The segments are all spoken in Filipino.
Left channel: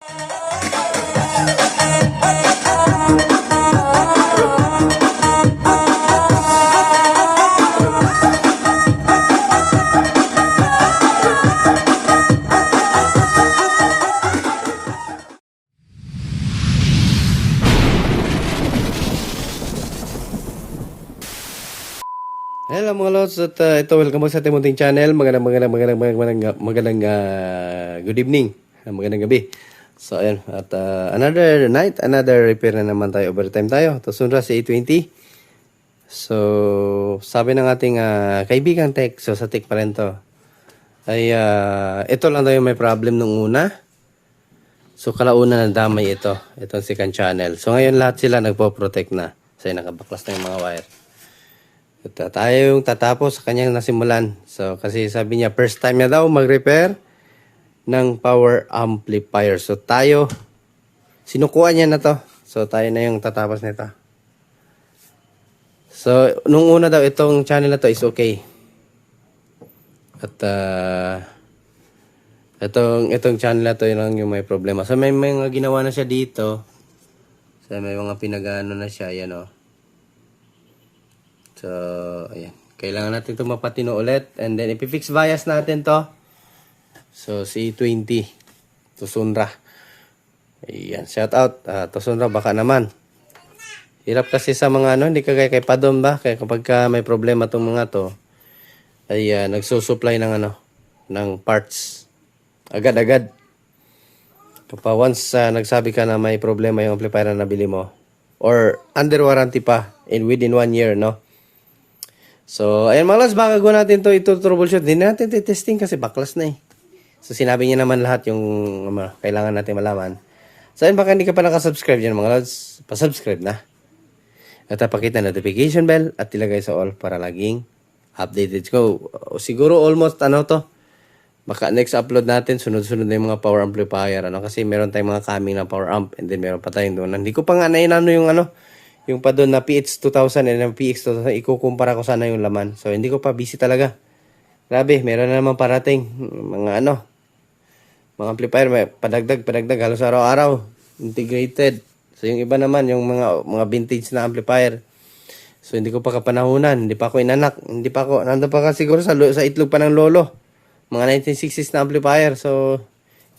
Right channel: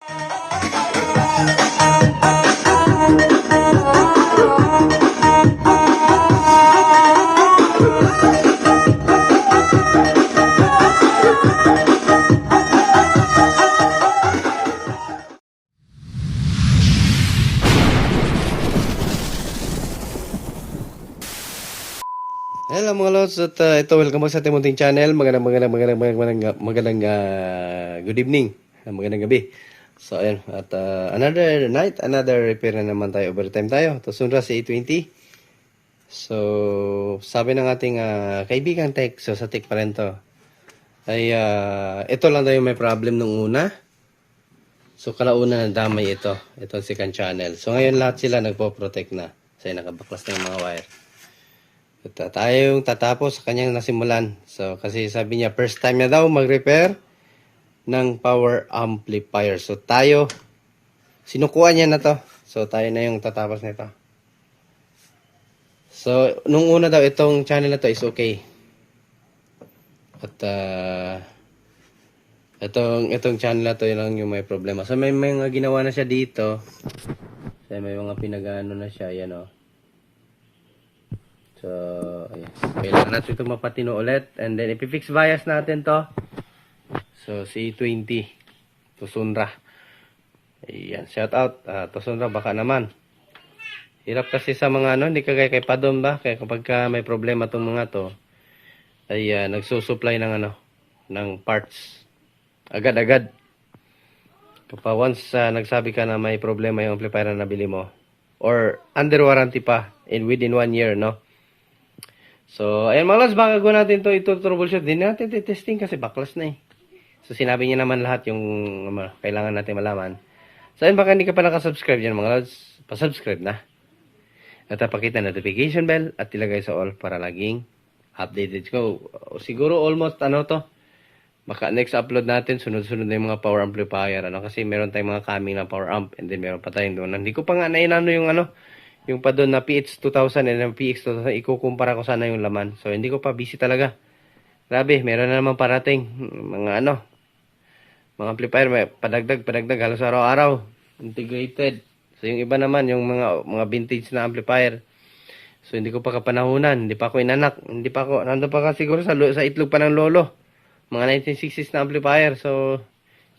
Hello mga lods, at ito, welcome back sa ating munting channel. Magandang good evening, magandang gabi. So ayan, at another night, another repair na naman tayo, overtime tayo. Ito sunra si A20. So sabi ng ating kaibigang tech, so sa tech pa rin to, ay ito lang tayo may problem nung una. So kalauna na damay itong second channel. So ngayon lahat sila nagpo-protect na. So nakabaklas na yung mga wire. At tayo yung tatapos sa kanyang nasimulan. So, kasi sabi niya, first time niya daw mag-repair ng power amplifier. So, tayo, sinukuan niya na to. So, tayo na yung tatapos nito. So, nung una daw, itong channel na to is okay. At, itong channel na to, yun lang yung may problema. So, may mga ginawa na siya dito. So, may mga pinagano na siya, yan o. So, ayan. Kailangan natin ito mapatino ulit. And then, ipifix bias natin to. So, C20. Tusunra. Ayan. Shout out. Tusunra, baka naman. Hirap kasi sa mga hindi kagaya kay Padom ba? Kaya kapag may problema itong mga to, ay nagsusupply ng ng parts. Agad-agad. Kapag once nagsabi ka na may problema yung amplifier na nabili mo, or under warranty pa, within 1 year, no? So, ayan mga lods, baka gawin natin ito troubleshoot. Hindi natin testing kasi baklas na eh. So, sinabi niya naman lahat yung kailangan natin malaman. So, ayan, baka hindi ka pa nakasubscribe dyan mga lods, pasubscribe na. At pakita notification bell at ilagay sa all para laging updated ko. Siguro almost baka next upload natin, sunod-sunod na yung mga power amplifier. Kasi meron tayong mga coming na power amp and then meron pa tayong doon. Hindi ko pa nga nainano yung pa doon na PX2000 and yung PX2000, ikukumpara ko sana yung laman. So, hindi ko pa busy talaga. Grabe, meron na naman parating. Mga mga amplifier, may padagdag, halos araw-araw. Integrated. So, yung iba naman, yung mga vintage na amplifier. So, hindi ko pa kapanahunan. Hindi pa ako inanak. Nandun pa ka siguro sa itlog pa ng lolo. Mga 1960s na amplifier. So,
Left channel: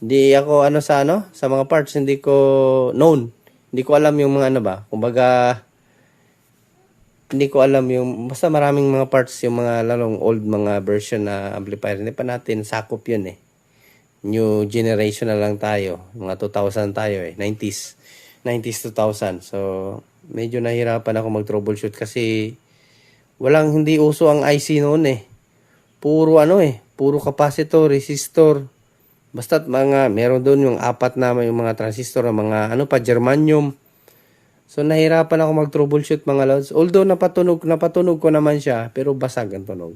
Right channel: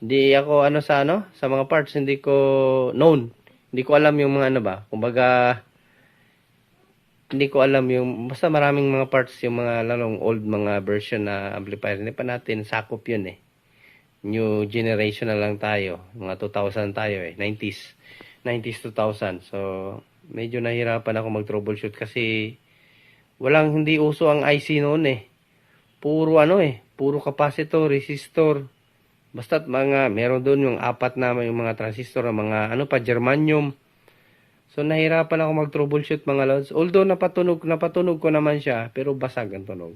hindi ako sa mga parts, hindi ko known. Hindi ko alam yung mga kumbaga, hindi ko alam yung, basta maraming mga parts, yung mga lalong old mga version na amplifier. Hindi pa natin sakop yun eh. New generation na lang tayo. Mga 2000 tayo eh. 90s 2000. So, medyo nahirapan ako mag-troubleshoot kasi hindi uso ang IC noon eh. Puro puro capacitor, resistor. Basta meron doon yung apat na yung mga transistor, mga germanium. So, nahirapan ako mag-troubleshoot mga lods. Although, napatunog ko naman siya, pero basag ang tunog.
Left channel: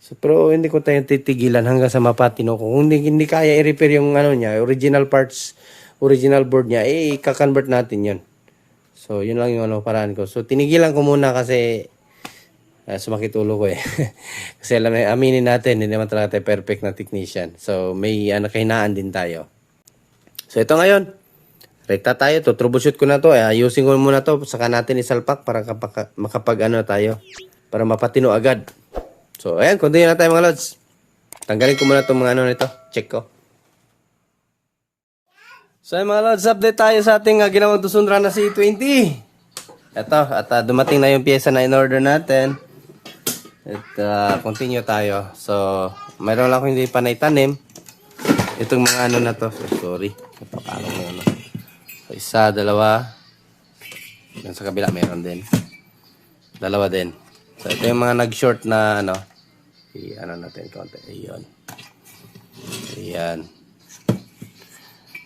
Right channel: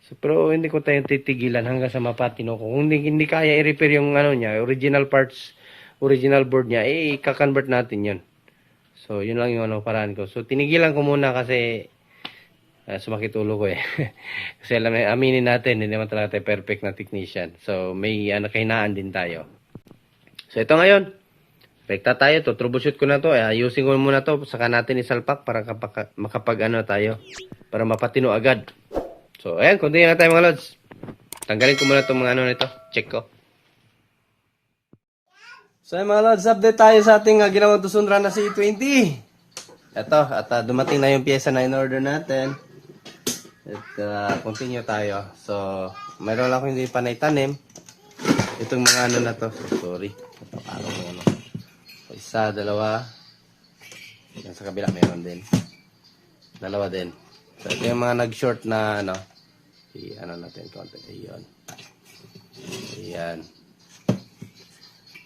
So, pero hindi ko tayo titigilan hanggang sa mapatino ko. Kung hindi kaya i-repair yung niya, original parts, original board niya, i-convert natin yan. So, yun lang yung paraan ko. So, tinigilan ko muna kasi sumakit ulo ko eh. Kasi aminin natin, hindi naman talaga tayo perfect na technician. So, may kahinaan din tayo. So, ito ngayon. Rekta tayo. Troubleshoot ko na to. Ayusin ko muna to. Saka natin isalpak para makapag tayo. Para mapatino agad. So, ayan. Continue na tayo mga lods. Tanggalin ko muna itong mga nito. Check ko. So, ayan mga lods. Update tayo sa ating ginawang tusunra na C20. Ito. At dumating na yung pyesa na in-order natin. At continue tayo. So, mayroon lang ako hindi pa naitanim. Itong mga na to. So, sorry. Napakalang mo So, isa, dalawa. Yung sa kabila mayroon din. Dalawa din. So, ito yung mga nag-short na natin konti. Ayan.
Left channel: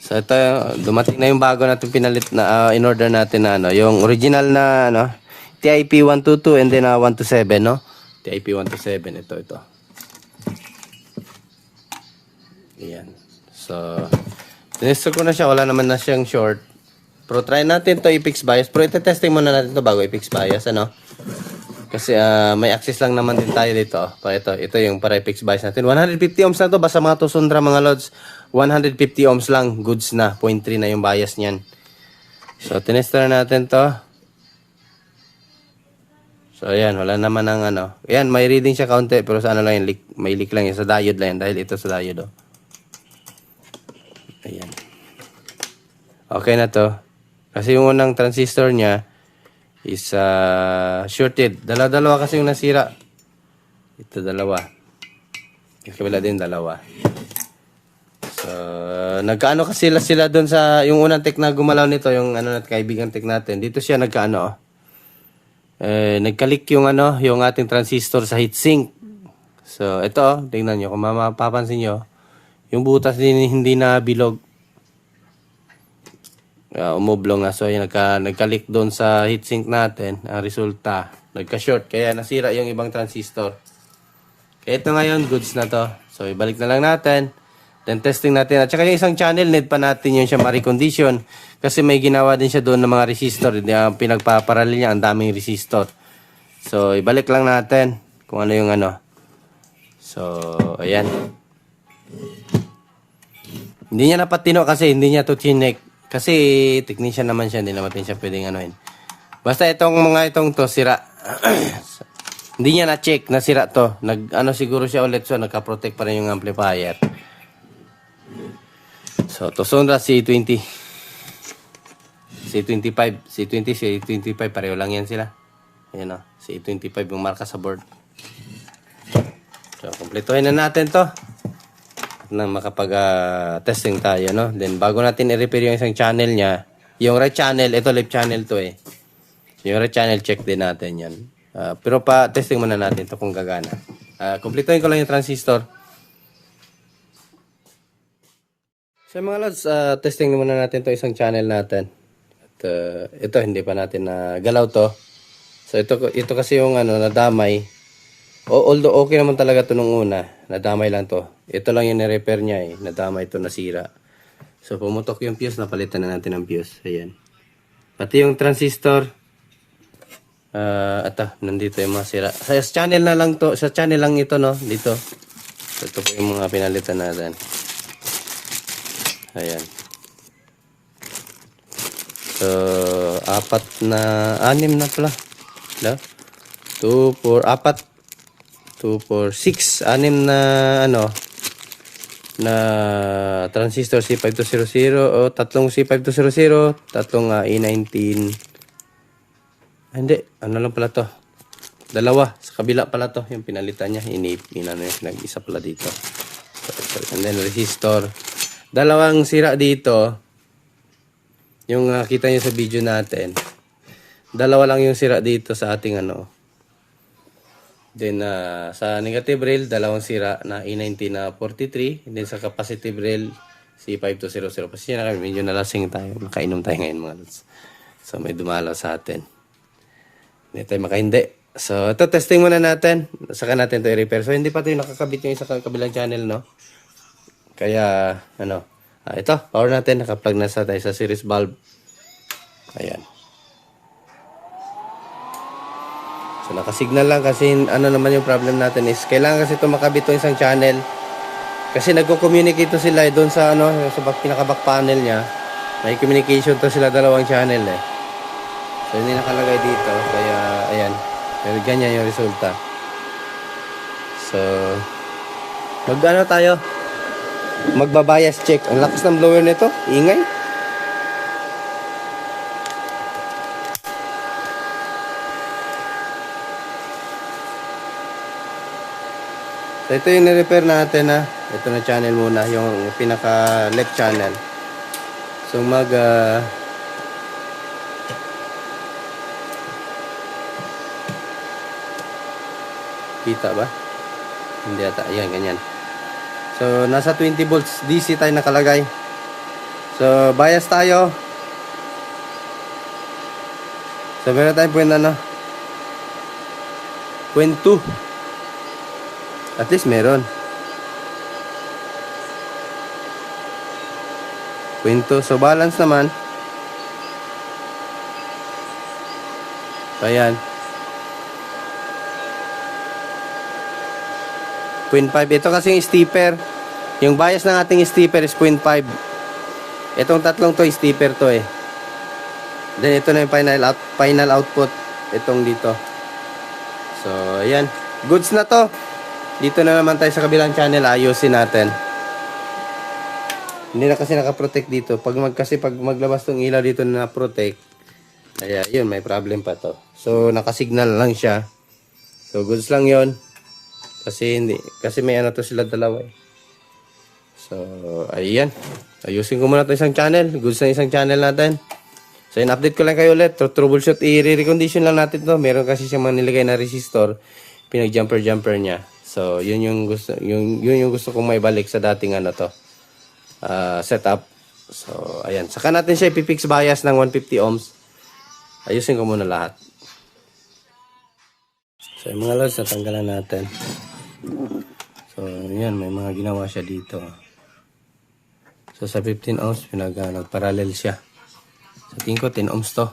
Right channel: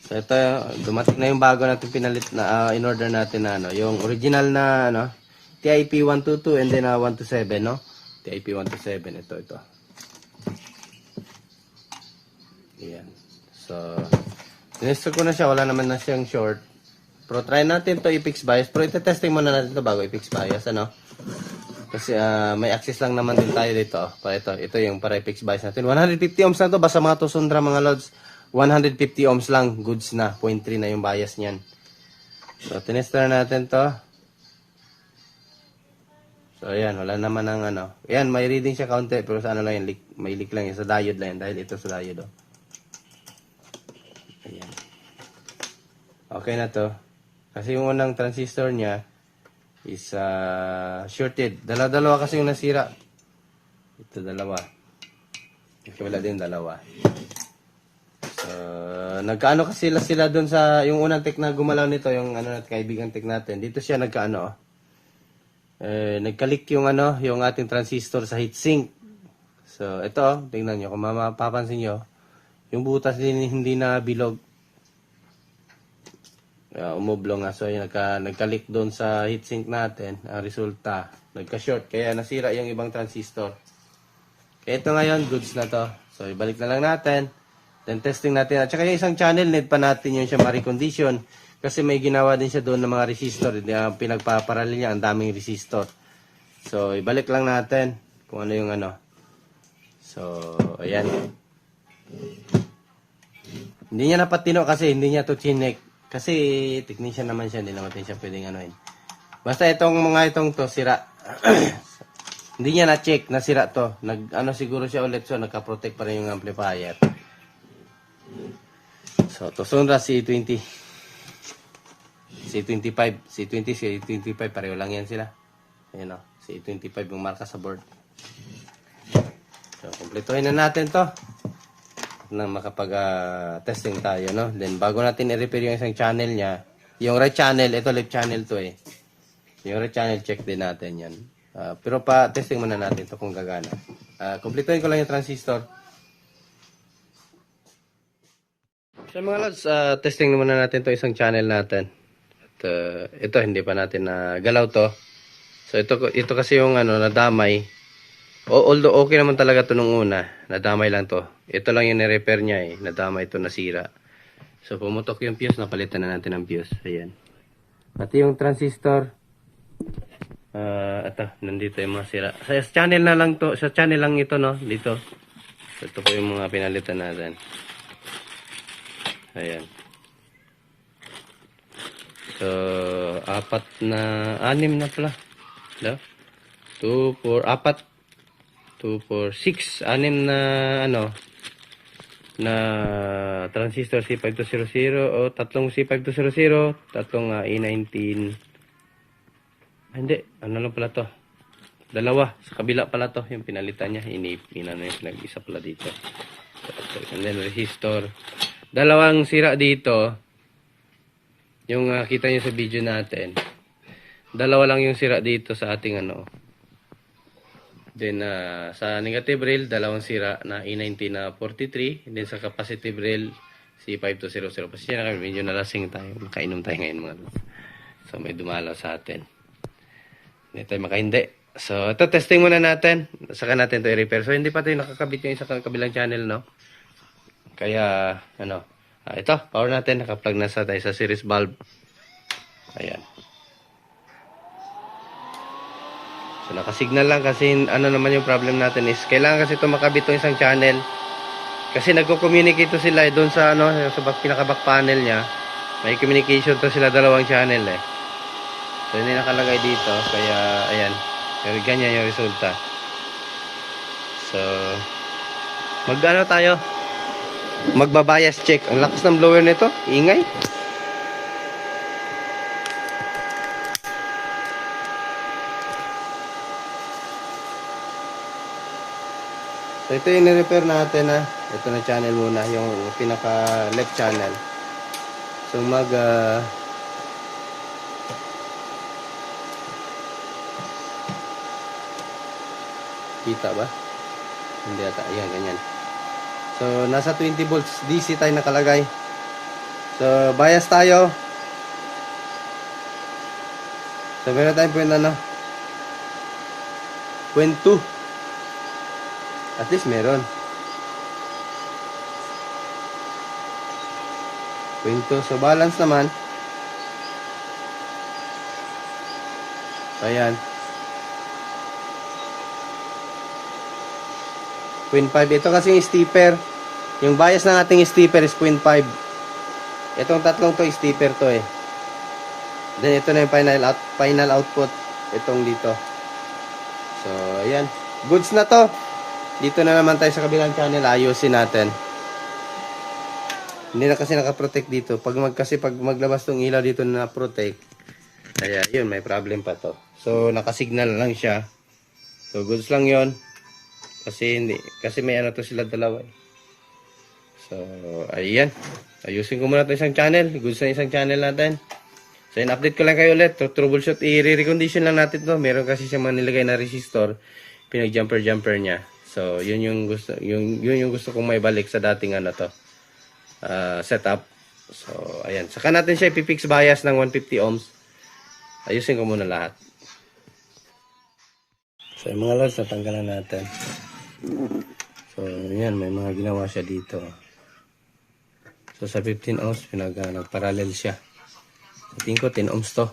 So, ito dumating na yung bago natin pinalit na in-order natin na yung original na TIP 122 and then 127, no? TIP 127, ito. Ayan. So, tinestor ko na siya. Wala naman na siyang short. Pero try natin to i-fix bias. Pero ite-testing muna natin to bago i-fix bias, Kasi may access lang naman din tayo dito. Ito yung para i-fix bias natin. 150 ohms na to. Basta mga tusundra mga lods. 150 ohms lang, goods na. 0.3 na yung bias niyan. So, tinester natin to. So, ayan, wala naman ang ano. Ayan, may reading siya kaunti, pero sa ano lang yun, may leak lang yun. Sa diode lang yun, dahil ito sa diode, oh. Ayan. Okay na to. Kasi yung unang transistor niya is shorted. Dalawa kasi yung nasira. Ito dalawa. Yung kabila din dalawa. So, nagkaano kasi sila doon sa yung unang tech na gumalaw nito, yung ano nat kaibigan tech natin. Dito siya nagkaano, oh. Nagkalik yung ano, yung ating transistor sa heatsink. So, ito, oh, tingnan nyo. Kung mapapansin nyo, yung butas din hindi na bilog. Umublong na. So, yun, nagkalik doon sa heatsink natin. Ang resulta, nagka-short. Kaya nasira yung ibang transistor. Kaya ito ngayon, goods na to. So, ibalik na lang natin. Then, testing natin. At saka yung isang channel, need pa natin yun siya ma-recondition. Kasi may ginawa din siya doon ng mga resistor. Pinagpaparalil niya, ang daming resistor. So, ibalik lang natin kung ano yung ano. So, ayan. Hindi niya napatino kasi hindi niya to chinek. Kasi technician naman siya, hindi naman siya pwedeng anuin. Basta itong to sira. Hindi niya na-check na sira to. Ano siguro siya ulit, so nagka-protect pa rin yung amplifier. So, Tosonra C20. C25, C20, C25 pareho lang yan sila. Ayan o, C25 yung marka sa board. So, kumpletuhin na natin to na makapag-testing tayo, no? Then, bago natin i-repair yung isang channel niya, yung right channel, ito left channel to eh. Yung right channel, check din natin yan. Pero pa-testing muna natin to kung gagana. Kumpletuhin ko lang yung transistor. So, mga lods, testing muna natin to isang channel natin. At ito, hindi pa natin galaw to. So, ito kasi yung ano, nadamay. Although okay naman talaga to nung una, nadamay lang to. Ito lang yung ni-repair niya eh, nadamay to, nasira. So pumutok yung fuse, napalitan na natin ang fuse. Ayan. Pati yung transistor, nandito yung mga sira. Sa channel na lang to, sa channel lang ito, no, dito. Ito po yung mga pinalitan natin. Ayan. So 6 na pala. 2, 4, 4. 2, 4, 6, 6 na ano na transistor C5200 o tatlong C5200, tatlong E19. Hindi, ano lang pala to. Dalawa sa kabila pala to, yung pinalitan niya, nag-isa pala dito. So, and then resistor. Dalawang sira dito. Yung nakita niyo sa video natin. Dalawa lang yung sira dito sa ating ano. Then, sa negative rail, dalawang sira na E19 na 43. And then, sa capacitive rail, C5200. Kasi na kami, medyo nalasing tayo. Makainom tayo ngayon mga lods. So, may dumalaw sa atin. Hindi tayo makahindi. So, ito, testing muna natin. Saka natin ito i-repair. So, hindi pa ito yung nakakabit yung isa kabilang channel, no? Kaya, ano, ito, power natin. Nakaplug na sa tayo sa series valve. Ayan. So, nakasignal lang kasi ano naman yung problem natin is kailangan kasi ito makabit itong isang channel. Kasi nagko-communicate to sila doon sa ano, sa pinaka-back panel niya. May communication to sila dalawang channel eh. So, hindi nakalagay dito. Kaya, ayan. Pero ganyan yung resulta. So, mag-ano tayo? Magbabias check. Ang lakas ng blower nito. Ingay. So, ito yung ni-repair natin na. Ito na channel muna, yung pinaka left channel. So, kita ba? Hindi ata. Ayan, ganyan. So, nasa 20 volts DC tayo nakalagay. So, bias tayo. So, meron tayong point ano? Point 2. At least meron. Point 2. So, balance naman. So, ayan. Point 5. Ito kasi yung stepper. Yung bias ng ating stepper is 0.5. Itong tatlong to, stepper to eh. Then ito na yung final output. Itong dito. So, ayan. Goods na to. Dito na naman tayo sa kabilang channel. Ayusin natin. Hindi na kasi nakaprotect dito. Pag maglabas tong ilaw dito na protect. Kaya yun, may problem pa to. So, nakasignal lang siya. So, goods lang yon. Kasi may ano to sila dalawa eh. So, ayan. Ayusin ko muna to isang channel. Goods na isang channel natin. So, in-update ko lang kayo ulit. Troubleshoot, i-recondition lang natin to. Meron kasi siya mga nilagay na resistor. Pinag-jumper niya. So, yun yung gusto kong maibalik sa dating ano to. Setup. So, ayan. Saka natin siya ipifix bias ng 150 ohms. Ayusin ko muna lahat. So, yung mga loads, natanggalan natin. So, yan. May mga ginawa siya dito. So, sa 15 ohms, nagparallel siya. Sa tingin ko, 10 ohms to.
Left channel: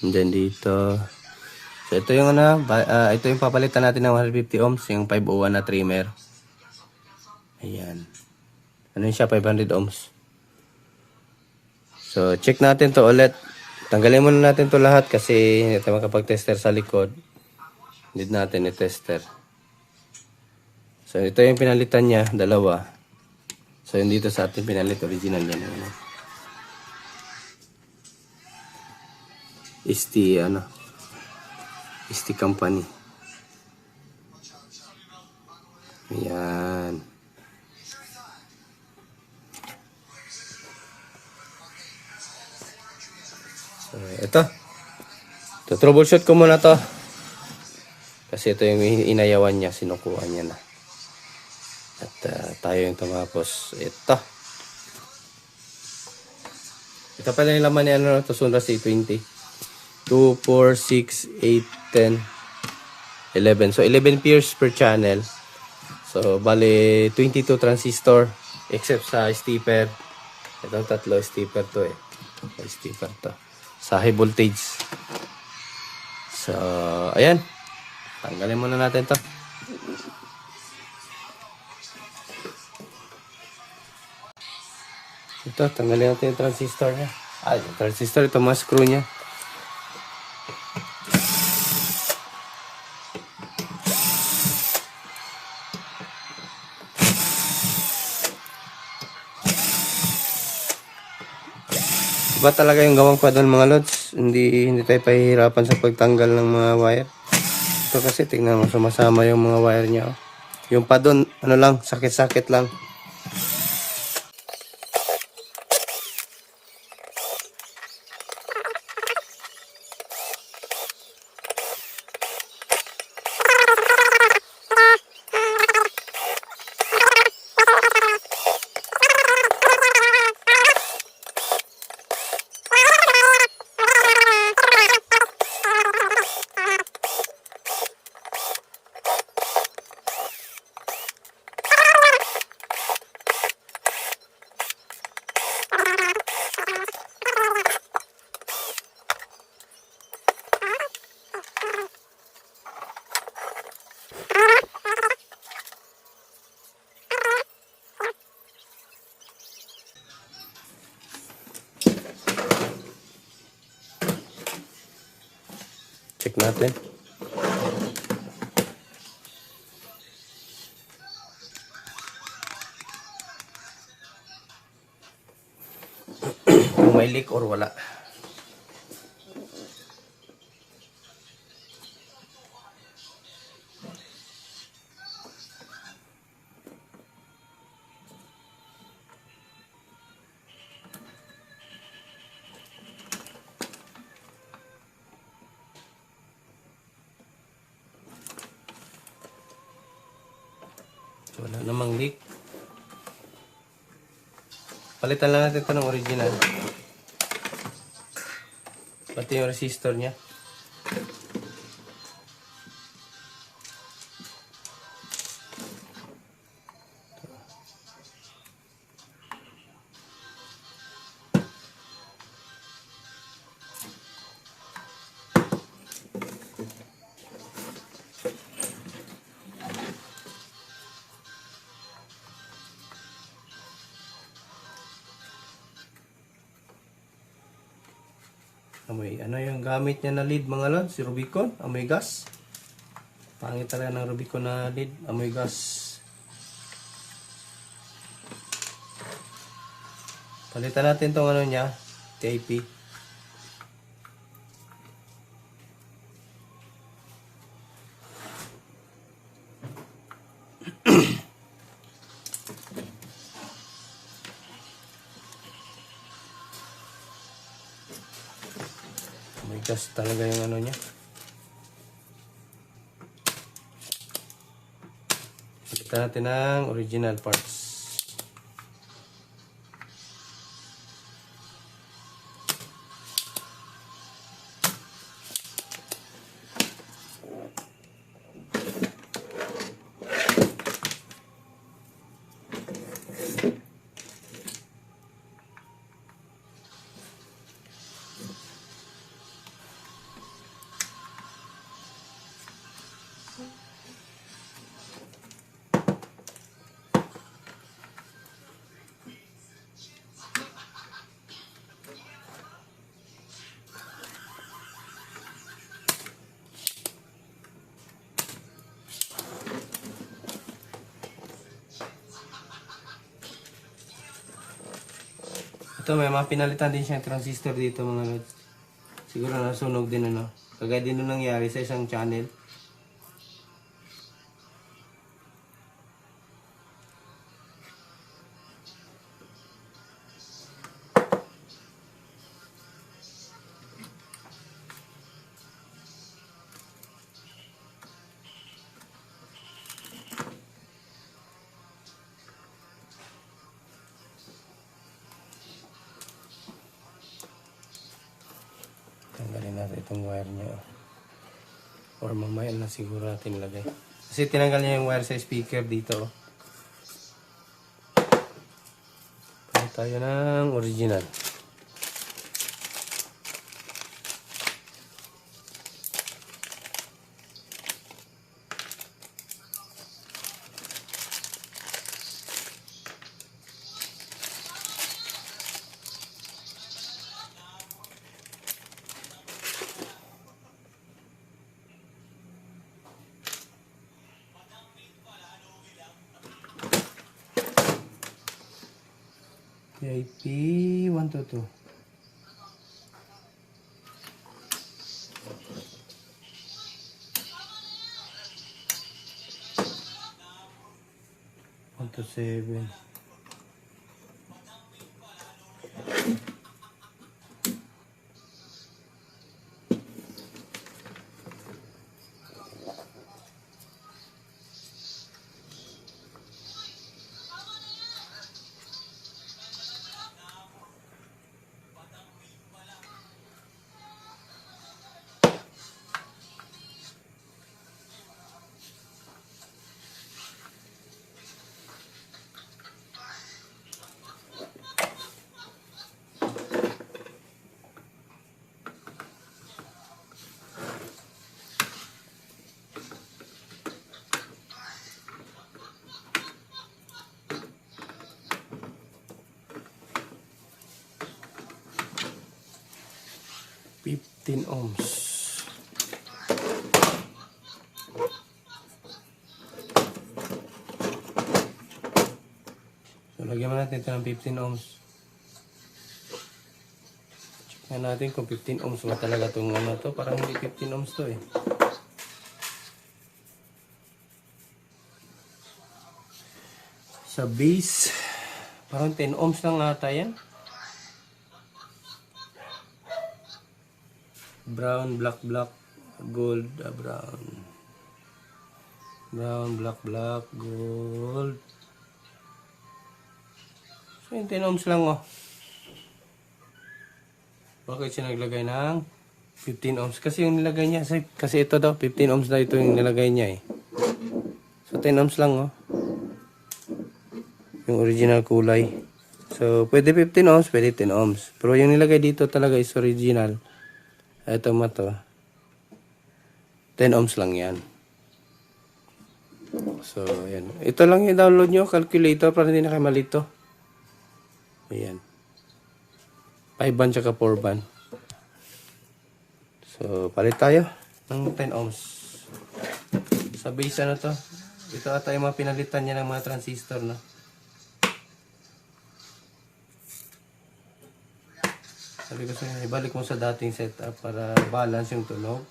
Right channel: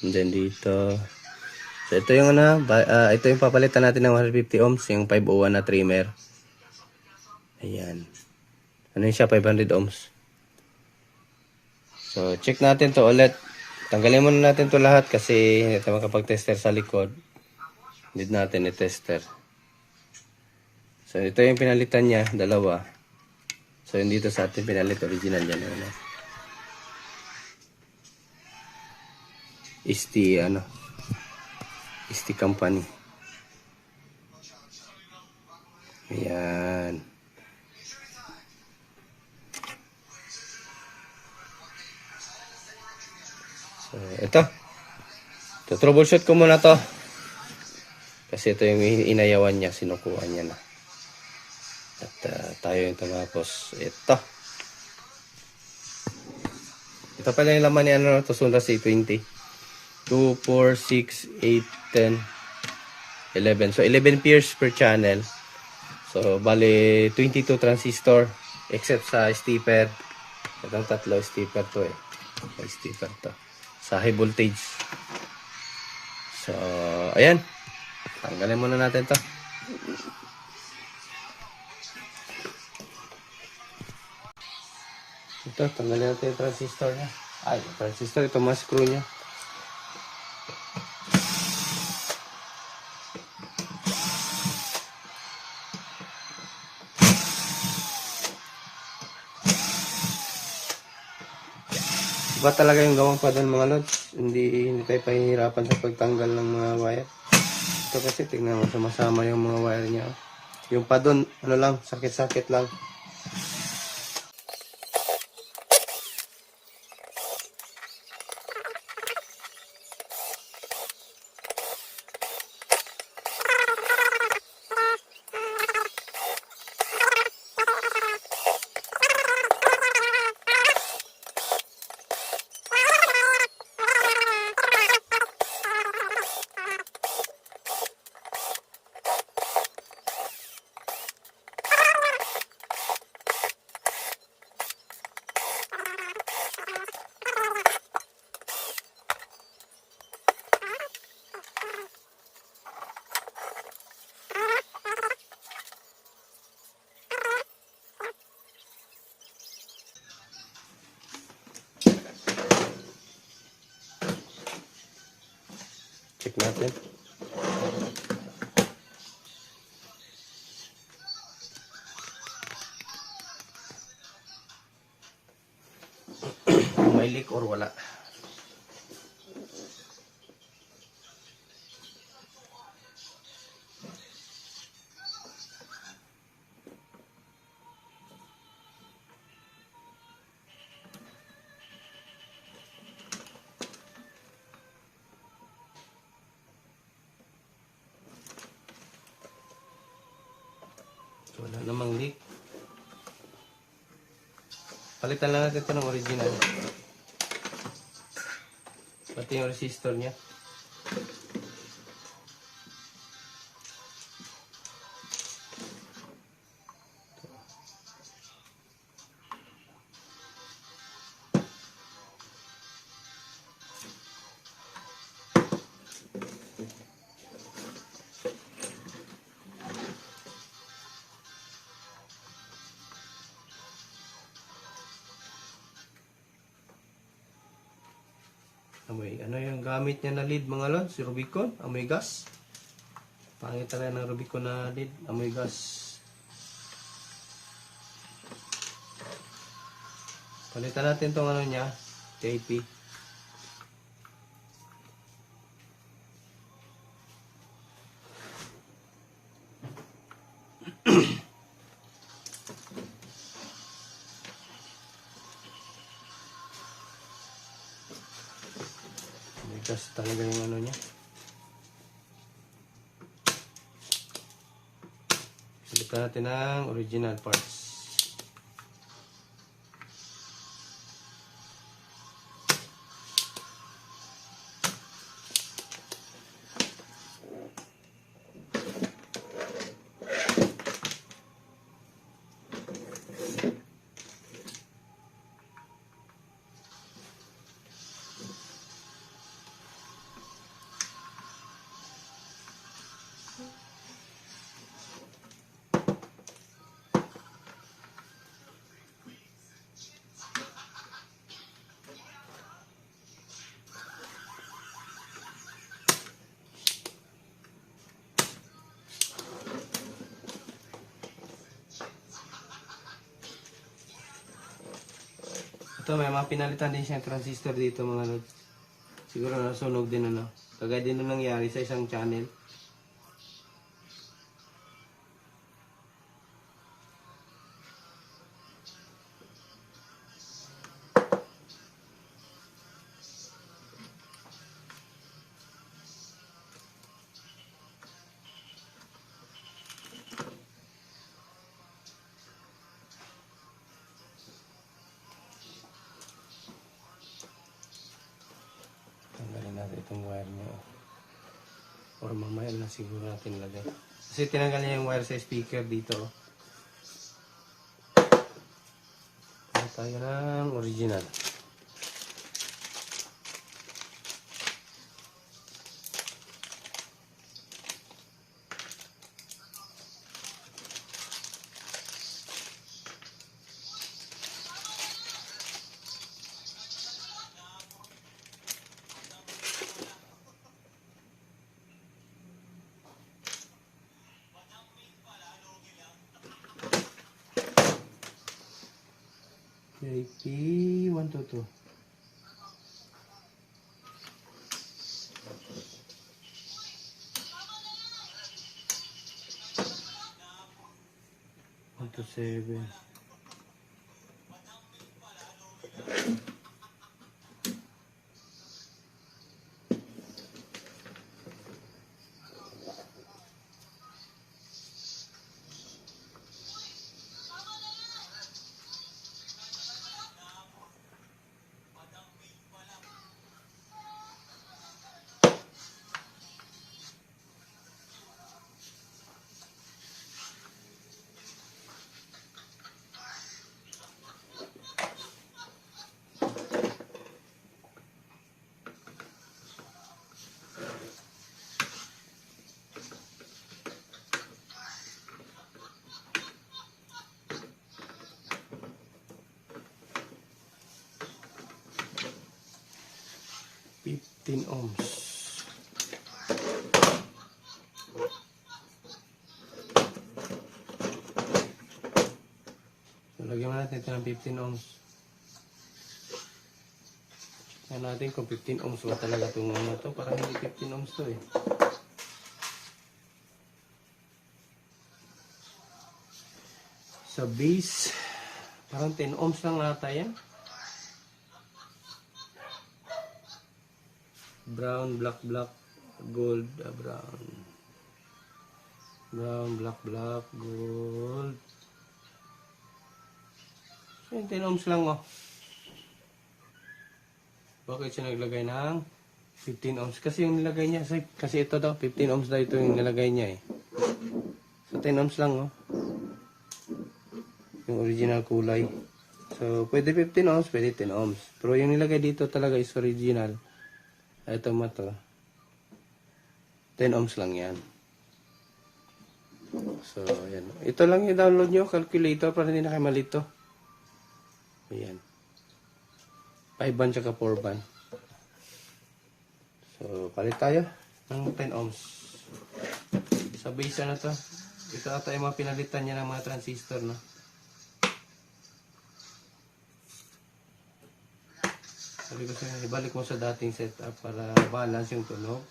And then dito. So, ito yung ito yung papalitan natin ng 150 ohms. Yung 501 na trimmer. Ayan. Ano yun siya? 500 ohms. So, check natin to ulit. Tanggalin muna natin to lahat kasi hindi tayo makapag-tester sa likod. Need natin i-tester. So, ito yung pinalitan niya, dalawa. So, yung dito sa ating pinalit, original yan. ST company. Ayan. So, ito. Troubleshoot ko muna to. Kasi ito yung inayawan niya, sinukuhan niya na. At tayo yung tumapos. Ito pala yung laman ni Sonra C20. 2, 4, 6, 8, 10, 11. So 11 pairs per channel. So bali 22 transistor except sa stepper. Itong tatlo stepper to eh. Stepper to. Sa high voltage. So ayan. Tanggalin muna natin to. Ito, tanggalin natin yung transistor niya. Yung transistor, ito mga screw niya. Iba talaga yung gawang pa doon mga lods. Hindi tayo pahihirapan sa pagtanggal ng mga wire. Ito kasi, tingnan mo, sumasama yung mga wire niya. Yung pa doon, ano lang, sakit-sakit lang. Check natin. Kung may leak or wala. So, wala namang leak. Palitan lang natin ito ng original. Pati yung resistor niya. Amoy, ano yung gamit niya na lead mga lods? Rubicon, amoy gas. Pangit talaga ng Rubicon na lead, amoy gas. Palitan natin tong ano niya, TIP. Gas talaga yung ano niya. Palitan natin ang original parts. Ito, may mga pinalitan din siyang transistor dito mga lods. Siguro nasunog din ano. Kagaya din nung nangyari sa isang channel. Tanggalin natin itong wire niya. Or mamaya na siguro natin lagay. Kasi tinanggal niya yung wire sa speaker dito. Pili tayo ng original. IP 122. One to 7. Ohms. So, lagyan mo natin ito ng 15 ohms. Check natin kung 15 ohms ba talaga itong ano to. Parang hindi 15 ohms to eh. Sa base, parang 10 ohms lang ata yan. Brown, black, black, gold, brown. Brown, black, black, gold. So, 10 ohms lang oh. Bakit siya naglagay ng 15 ohms? Kasi yung nilagay niya, kasi ito daw, 15 ohms daw ito yung nilagay niya eh. So, 10 ohms lang oh. Yung original kulay. So, pwede 15 ohms, pwede 10 ohms. Pero yung nilagay dito talaga is original. Ito mo to. 10 ohms lang yan. So, yan. Ito lang yung download nyo, calculator, para hindi na kayo malito. Ayan. 5 band tsaka 4 band. So, palit tayo ng 10 ohms. Sa base ano to? Ito ata yung mga pinalitan niya ng mga transistor, no? Sabi ko sa inyo, ibalik mo sa dating setup para balance yung tunog.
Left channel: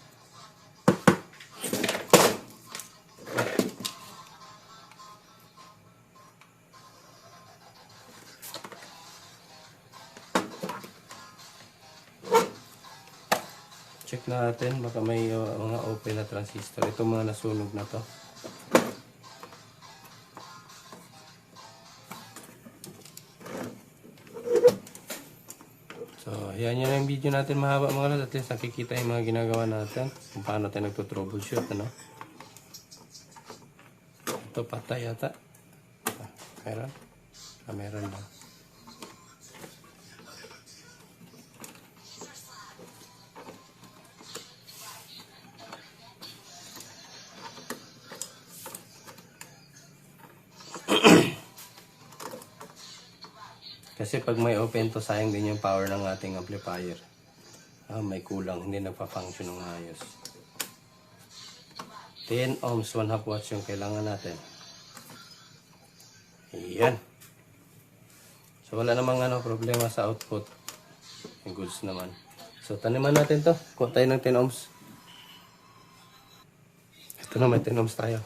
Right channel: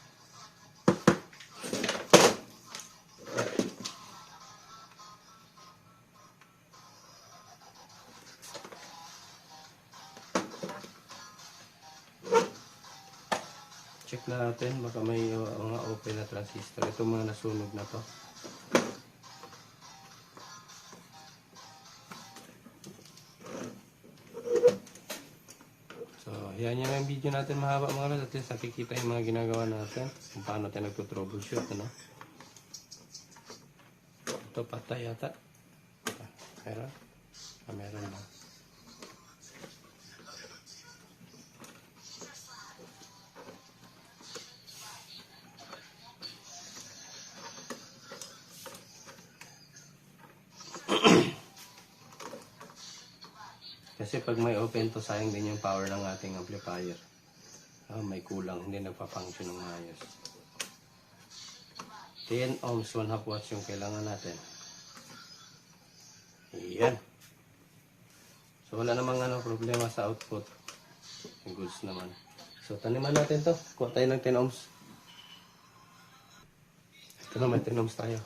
Check natin, baka may mga open na transistor. Ito mga nasunog na to. So, yan yun ang video natin mahaba mga lods. At least nakikita yung mga ginagawa natin. Kung paano tayo nagtutroubleshoot, ano? Ito patay yata. Meron? Meron lang. Kasi pag may open to, sayang din yung power ng ating amplifier. May kulang, hindi nagpa-function ng ayos. 10 ohms, 1/2 watts yung kailangan natin. Ayan. So wala namang problema sa output. Yung goods naman. So taniman natin to. Kuha tayo ng 10 ohms. Ito na, may 10 ohms tayo.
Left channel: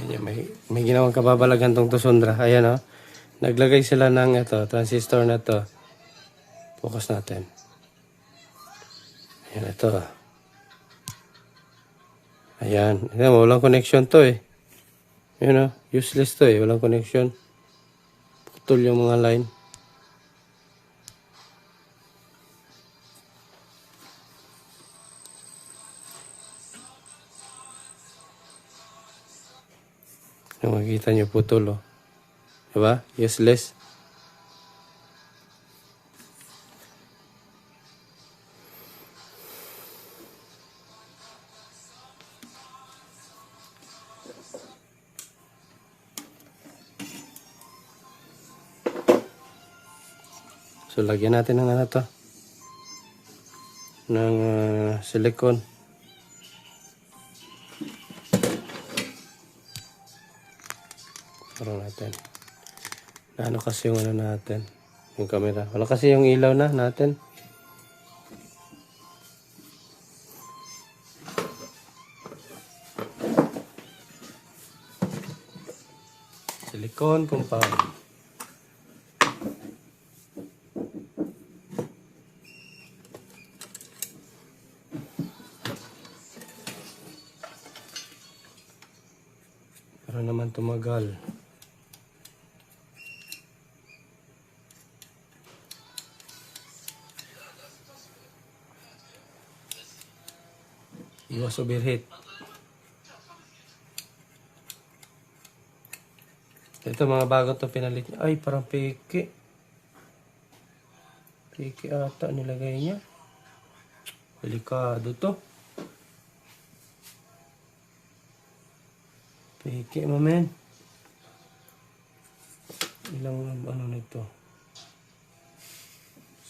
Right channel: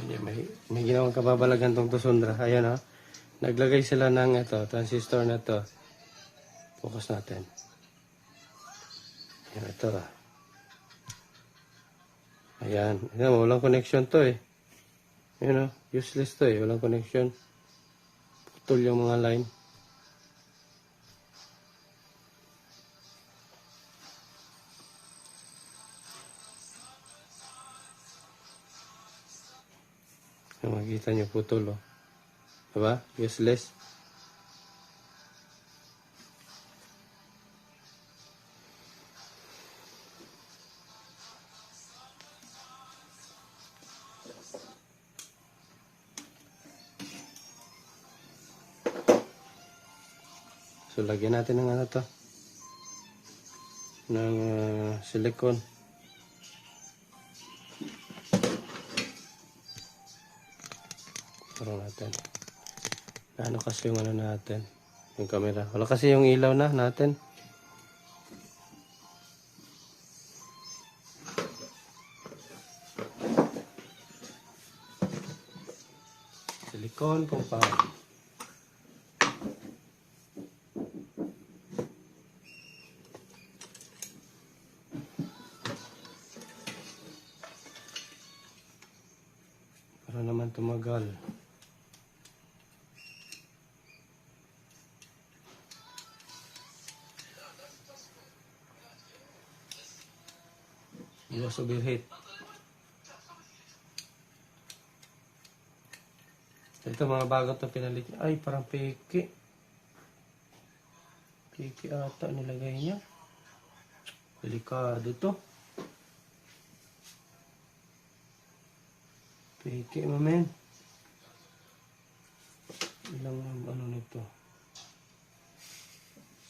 Ayan, may ginawang kababalagan tong Tusundra. Ayan, oh. Naglagay sila ng transistor na to. Focus natin. Ayan, ito. Ayan. Ayan, walang connection to eh. Ayan, oh. Useless to eh. Walang connection. Putol yung mga line. Yung makikita nyo putol, oh. Diba? Useless. So, lagyan natin ng to. Ng silicone. Parang natin. Ano kasi yung natin? Yung camera. Wala kasi yung ilaw na natin. Silicone compound. Para naman tumagal. Iwas overheat. Ito mga bago to pinalit. Ay, parang peke. Peke ata nilagay niya. Delikado to. Peke mo men. Ilang ano nito?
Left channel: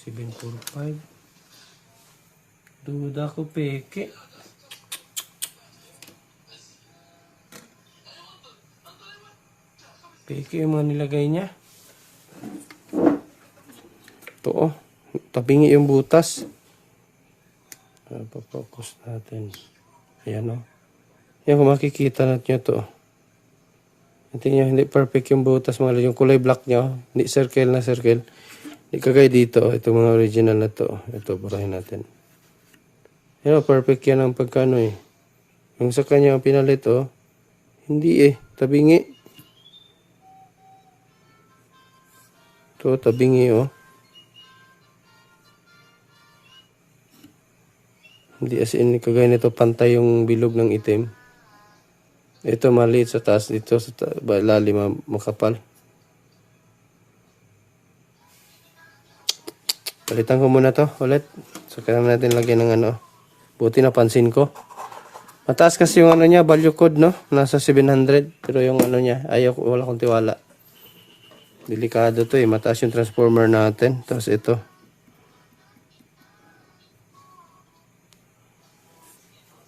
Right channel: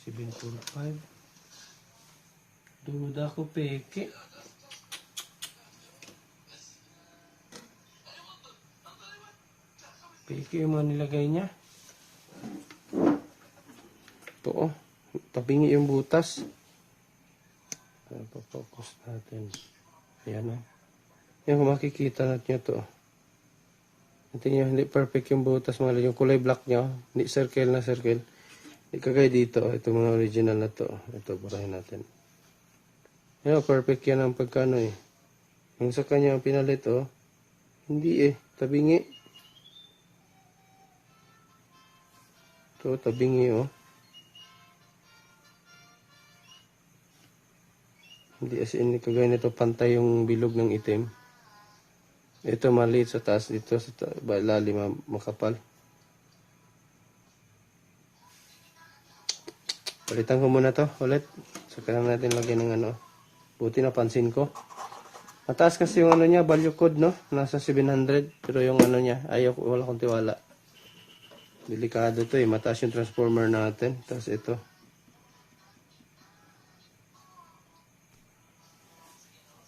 745. Duda ko peke. Peke yung mga nilagay niya. Ito oh. Tabingi yung butas. Papokus natin. Ayan oh. Yan kung makikita natin ito oh. Hindi nyo, hindi perfect yung butas mga yung kulay black nyo. Hindi circle na circle. Hindi kagaya dito oh. Ito mga original na to oh. Ito, burahin natin. Yan oh, perfect yan ang pagkano eh. Yung sa kanya ang pinalit oh. Hindi eh. Tabingi. Ito, tabingi oh. Hindi as in, kagaya nito pantay yung bilog ng itim. Ito maliit sa taas, dito sa lalim makapal. Palitan ko muna to ulit. So kailangan natin lagyan ng ano. Buti napansin ko. Mataas kasi yung ano niya, value code no. Nasa 700. Pero yung ano niya, wala akong tiwala. Delikado to eh. Mataas yung transformer natin. Tapos ito.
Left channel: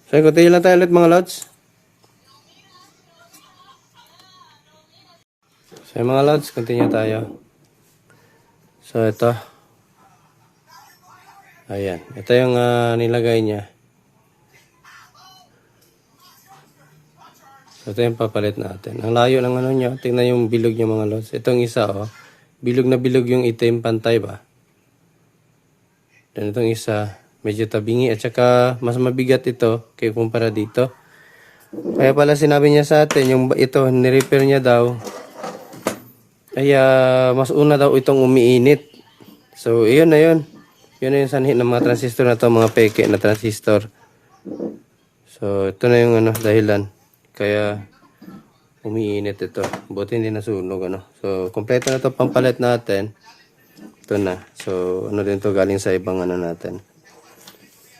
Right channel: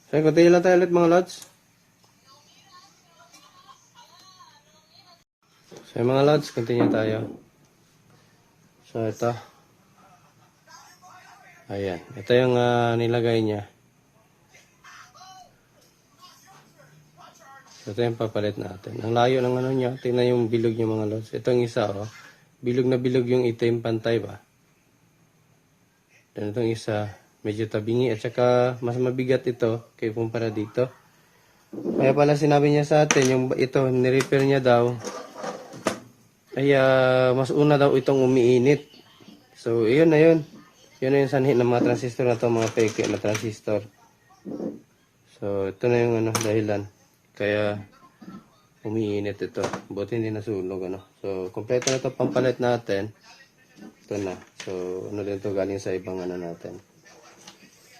So, continue lang tayo ulit mga lods. So, mga lods, continue tayo. So, ito. Ayan. Ito yung nilagay niya. So, ito yung papalit natin. Ang layo ng ano niya. Tingnan yung bilog niya mga lods. Itong isa, oh. Bilog na bilog yung itim, pantay ba? Dan itong isa, medyo tabingi. At saka, mas mabigat ito kaya kumpara dito. Kaya pala sinabi niya sa atin, yung ito, nirepair niya daw. Kaya, mas una daw itong umiinit. So, iyon na yun. Yun na yung sanhi ng mga transistor na to, mga peke na transistor. So, ito na yung ano, dahilan. Kaya, umiinit ito. Buti hindi nasunog, ano. So, kompleto na to pampalit natin. Ito na. So, ano din to galing sa ibang ano natin.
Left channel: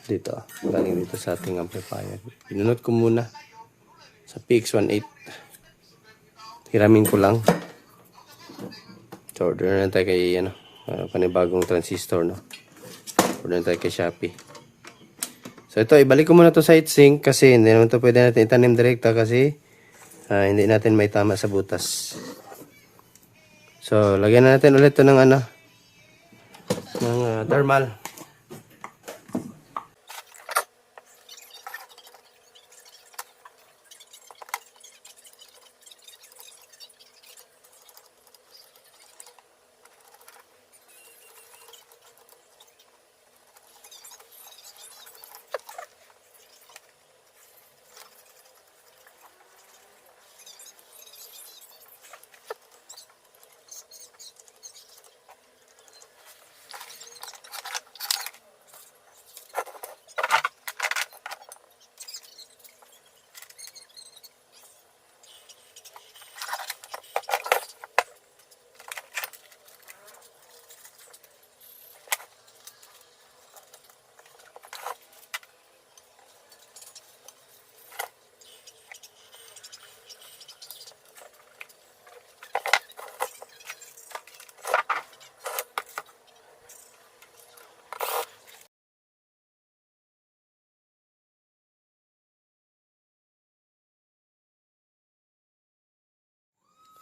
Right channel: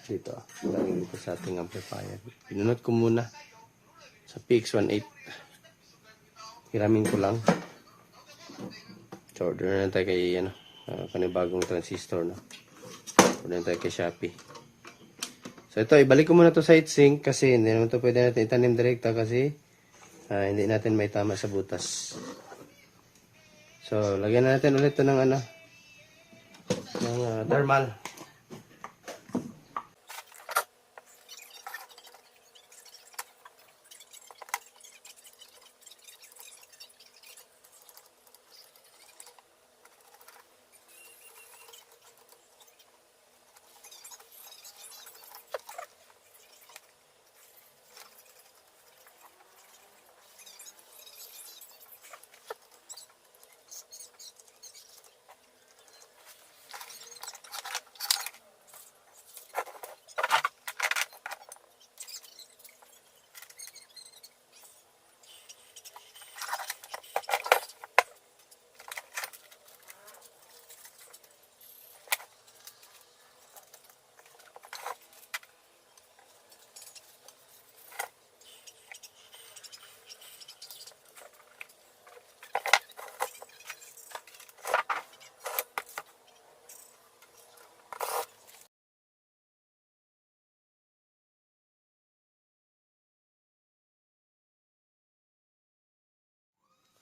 Dito. Galing dito sa ating amplifier. Pinunod ko muna sa PX18. Hiramin ko lang. So, order na tayo kay, ano, panibagong transistor, no. Order na tayo kay Shopee. So, ito, ibalik ko muna to sa heatsink kasi hindi naman to pwede natin itanim direkta kasi hindi natin may tama sa butas. So, lagyan na natin ulit to ng ano, ng thermal.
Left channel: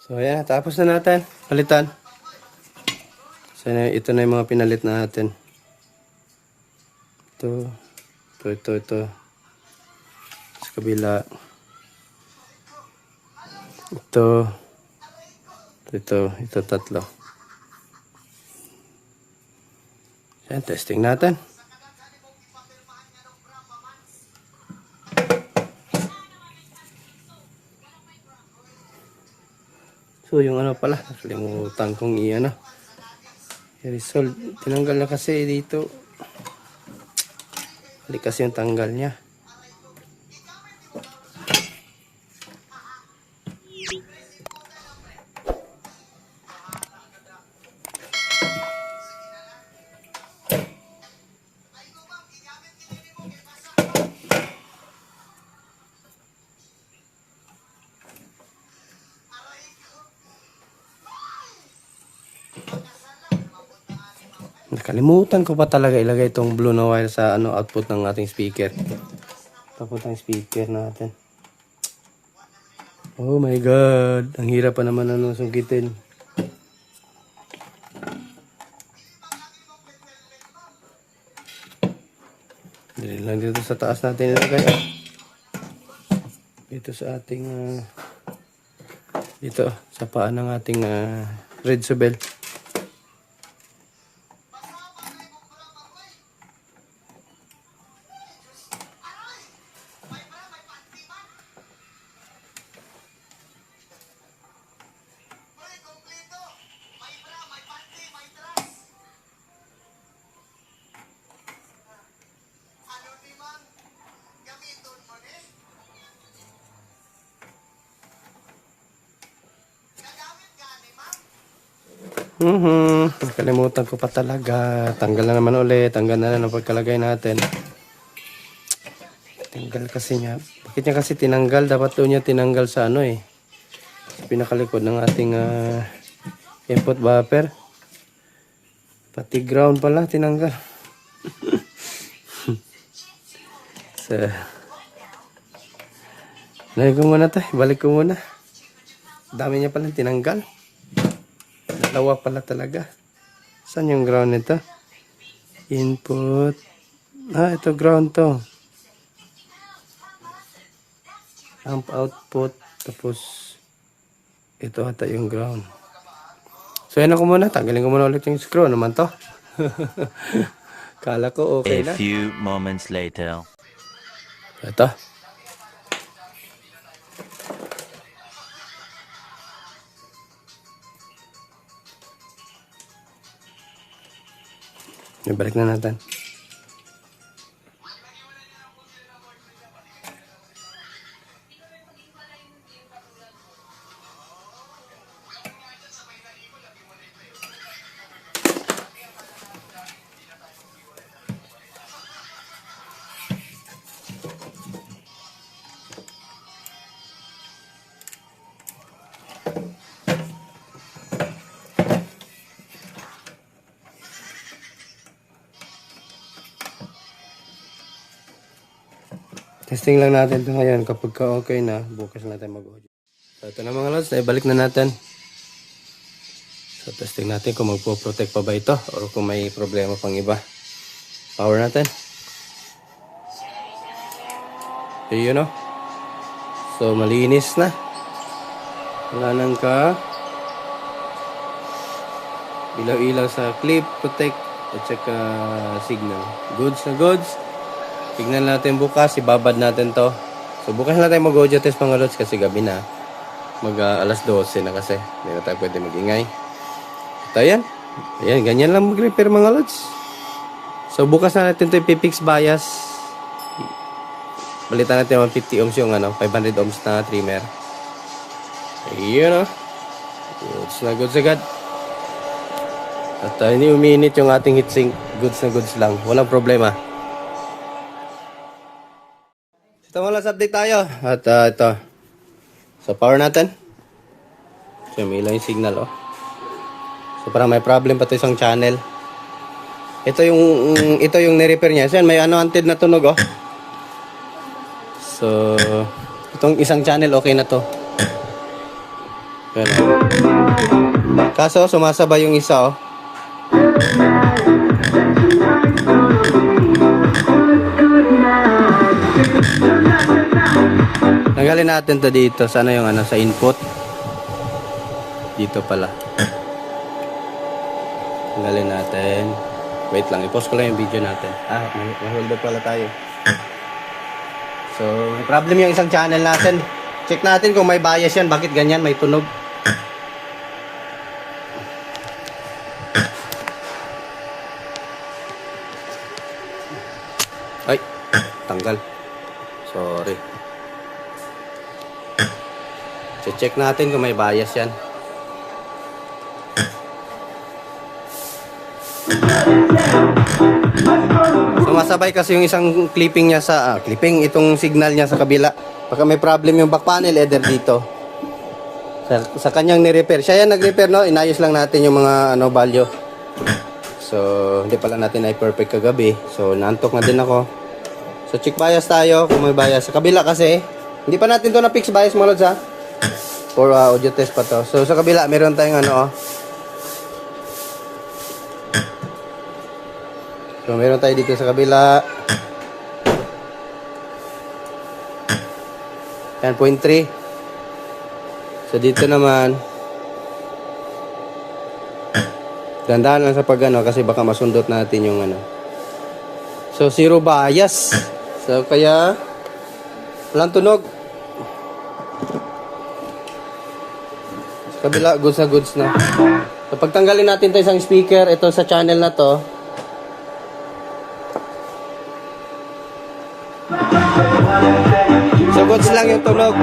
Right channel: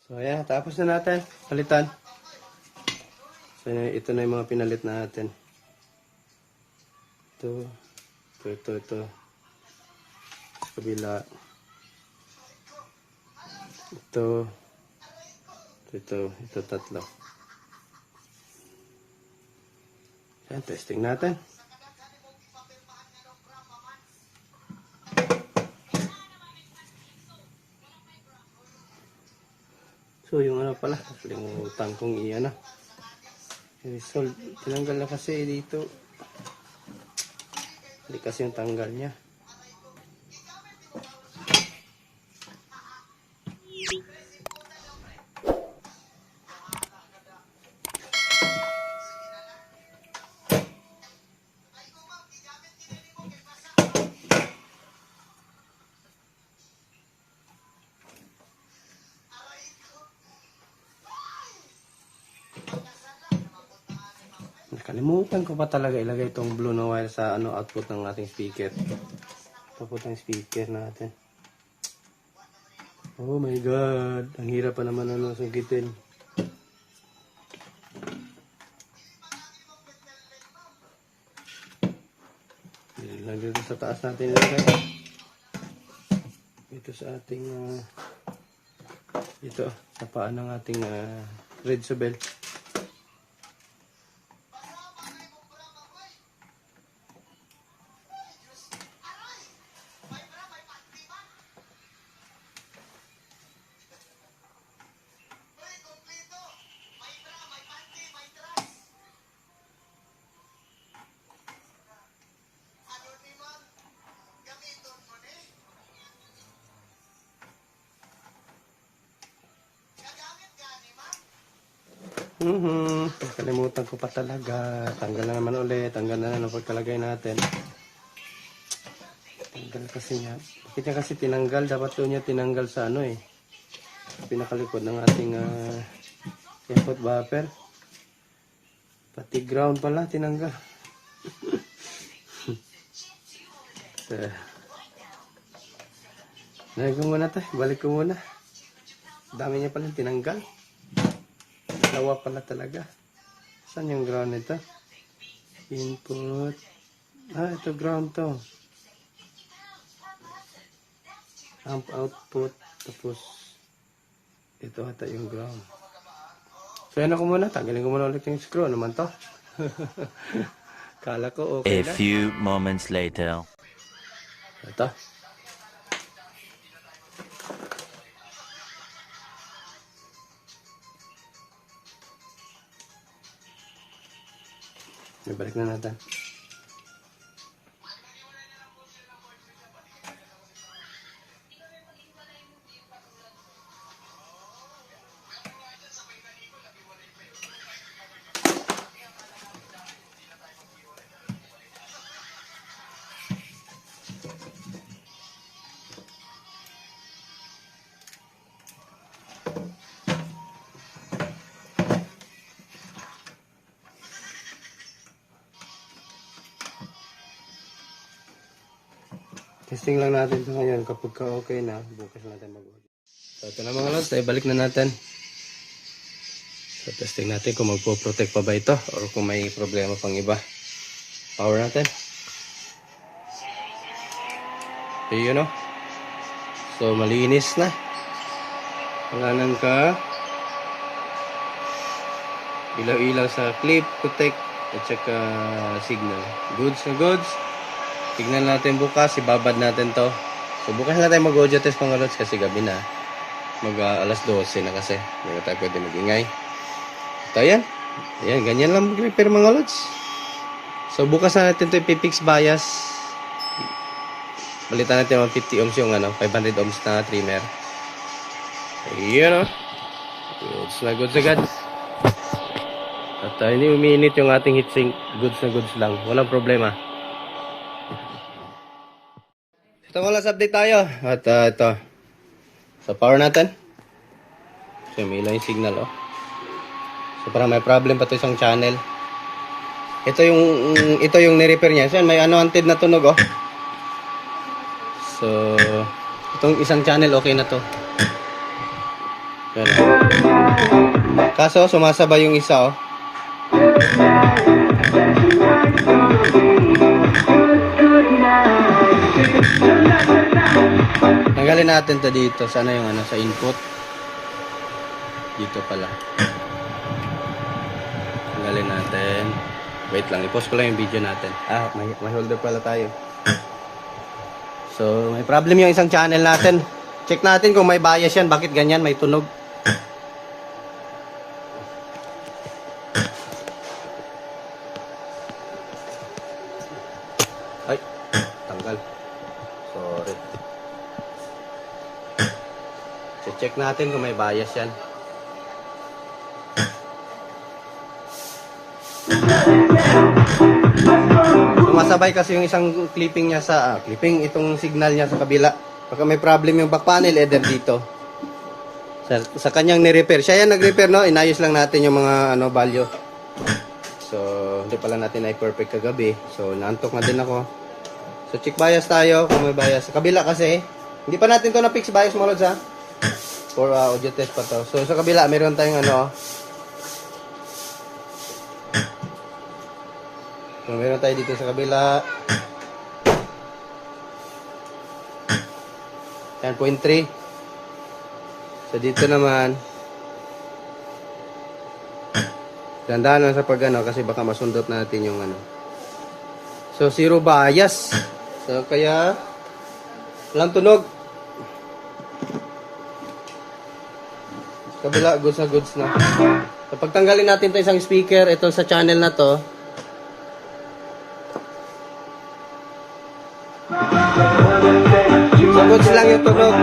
So, ayan. Tapos na natin. Palitan. So, ito na yung mga pinalit natin. Ito. Sa kabila. Ito tatlo. Ayan, testing natin. So, yung ano pala, nakalimutan kong i-ano. I-resolve. Tinanggal na kasi dito. Halik kasi yung tanggal niya. Kalimutan ko pa talaga ilagay itong blue na wire sa output ng ating speaker. Output ng speaker natin. Oh my god, ang hirap pa naman sungkitin. Dili lang dito sa taas natin ilagay. Dito sa ating dito sa paa ng ating red subel. Kalimutan ko pa talaga. Tanggal na naman ulit. Tanggal na lang ang pagkalagay natin. Tanggal kasi niya. Bakit niya kasi tinanggal? Dapat doon niya tinanggal sa pinakalikod ng ating input buffer. Pati ground pala tinanggal. So, balik ko muna tayo. Balik ko muna. Dami niya pala tinanggal. Dalawa pala talaga. Saan yung ground nito? Input. Ito ground to. Amp output. Tapos, ito ata yung ground. So, yan ako muna. Tanggalin ko muna ulit yung screw. Ano naman to? Kala ko okay na. A few moments later. Ito. Ibalik na natin. Testing lang natin ito ngayon. Kapag okay na, bukas natin mag-audio. So ito na mga lods, naibalik na natin. So testing natin kung magpo-protect pa ba ito or kung may problema pang iba. Power natin. So yun o. So malinis na. Wala nang ilaw-ilaw sa clip, protect at saka signal. Goods na goods. Tignan natin bukas, ibabad natin to. So bukas na tayo mag-audio test mga lods kasi gabi na. Alas 12 na kasi. Hindi na tayo pwede mag-ingay. At ayan. Ayan, ganyan lang mag-repair mga lods. So bukas na natin ito ipipix bias. Balitan natin 150 ohms yung 500 ohms na trimmer. Ayan o. Goods na goods agad. At hindi uminit yung ating heatsink. Goods na goods lang. Walang problema. Ito mga lods, update tayo. At ito. So power natin. So may ilaw yung signal So parang may problem pa ito isang channel. Ito yung ni-repair niya. Yan, may unwanted na tunog So itong isang channel okay na to. Yan. Kaso sumasabay yung isa Tanggalin natin to dito. Sana yung sa input. Dito pala. Tanggalin natin. Wait lang. I-pause ko lang yung video natin. May holder pala tayo. So, may problem yung isang channel natin. Check natin kung may bias yan. Bakit ganyan? May tunog. Ay, tanggal. Sorry. Check natin kung may bias yan. Sumasabay kasi yung isang clipping niya sa itong signal niya sa kabila. Baka may problem yung back panel header dito. Sa kanyang ni-repair. Siya yan nag-repair Inayos lang natin yung mga value. So, hindi pala natin ay perfect kagabi. So, naantok na din ako. So, check bias tayo kung may bias. Sa kabila kasi, hindi pa natin to na fix bias mga lods ha. For audio test pa to. So, sa kabila, meron tayong ano. So, meron tayo dito sa kabila. Yan, 0.3. So, dito naman, gandaan lang sa pag ano, kasi baka masundot natin yung ano. So, zero bias. So, kaya, walang tunog. Sa kabila, goods na goods na. So, pagtanggalin natin ito isang speaker, ito sa channel na to. So, goods lang yung tunog.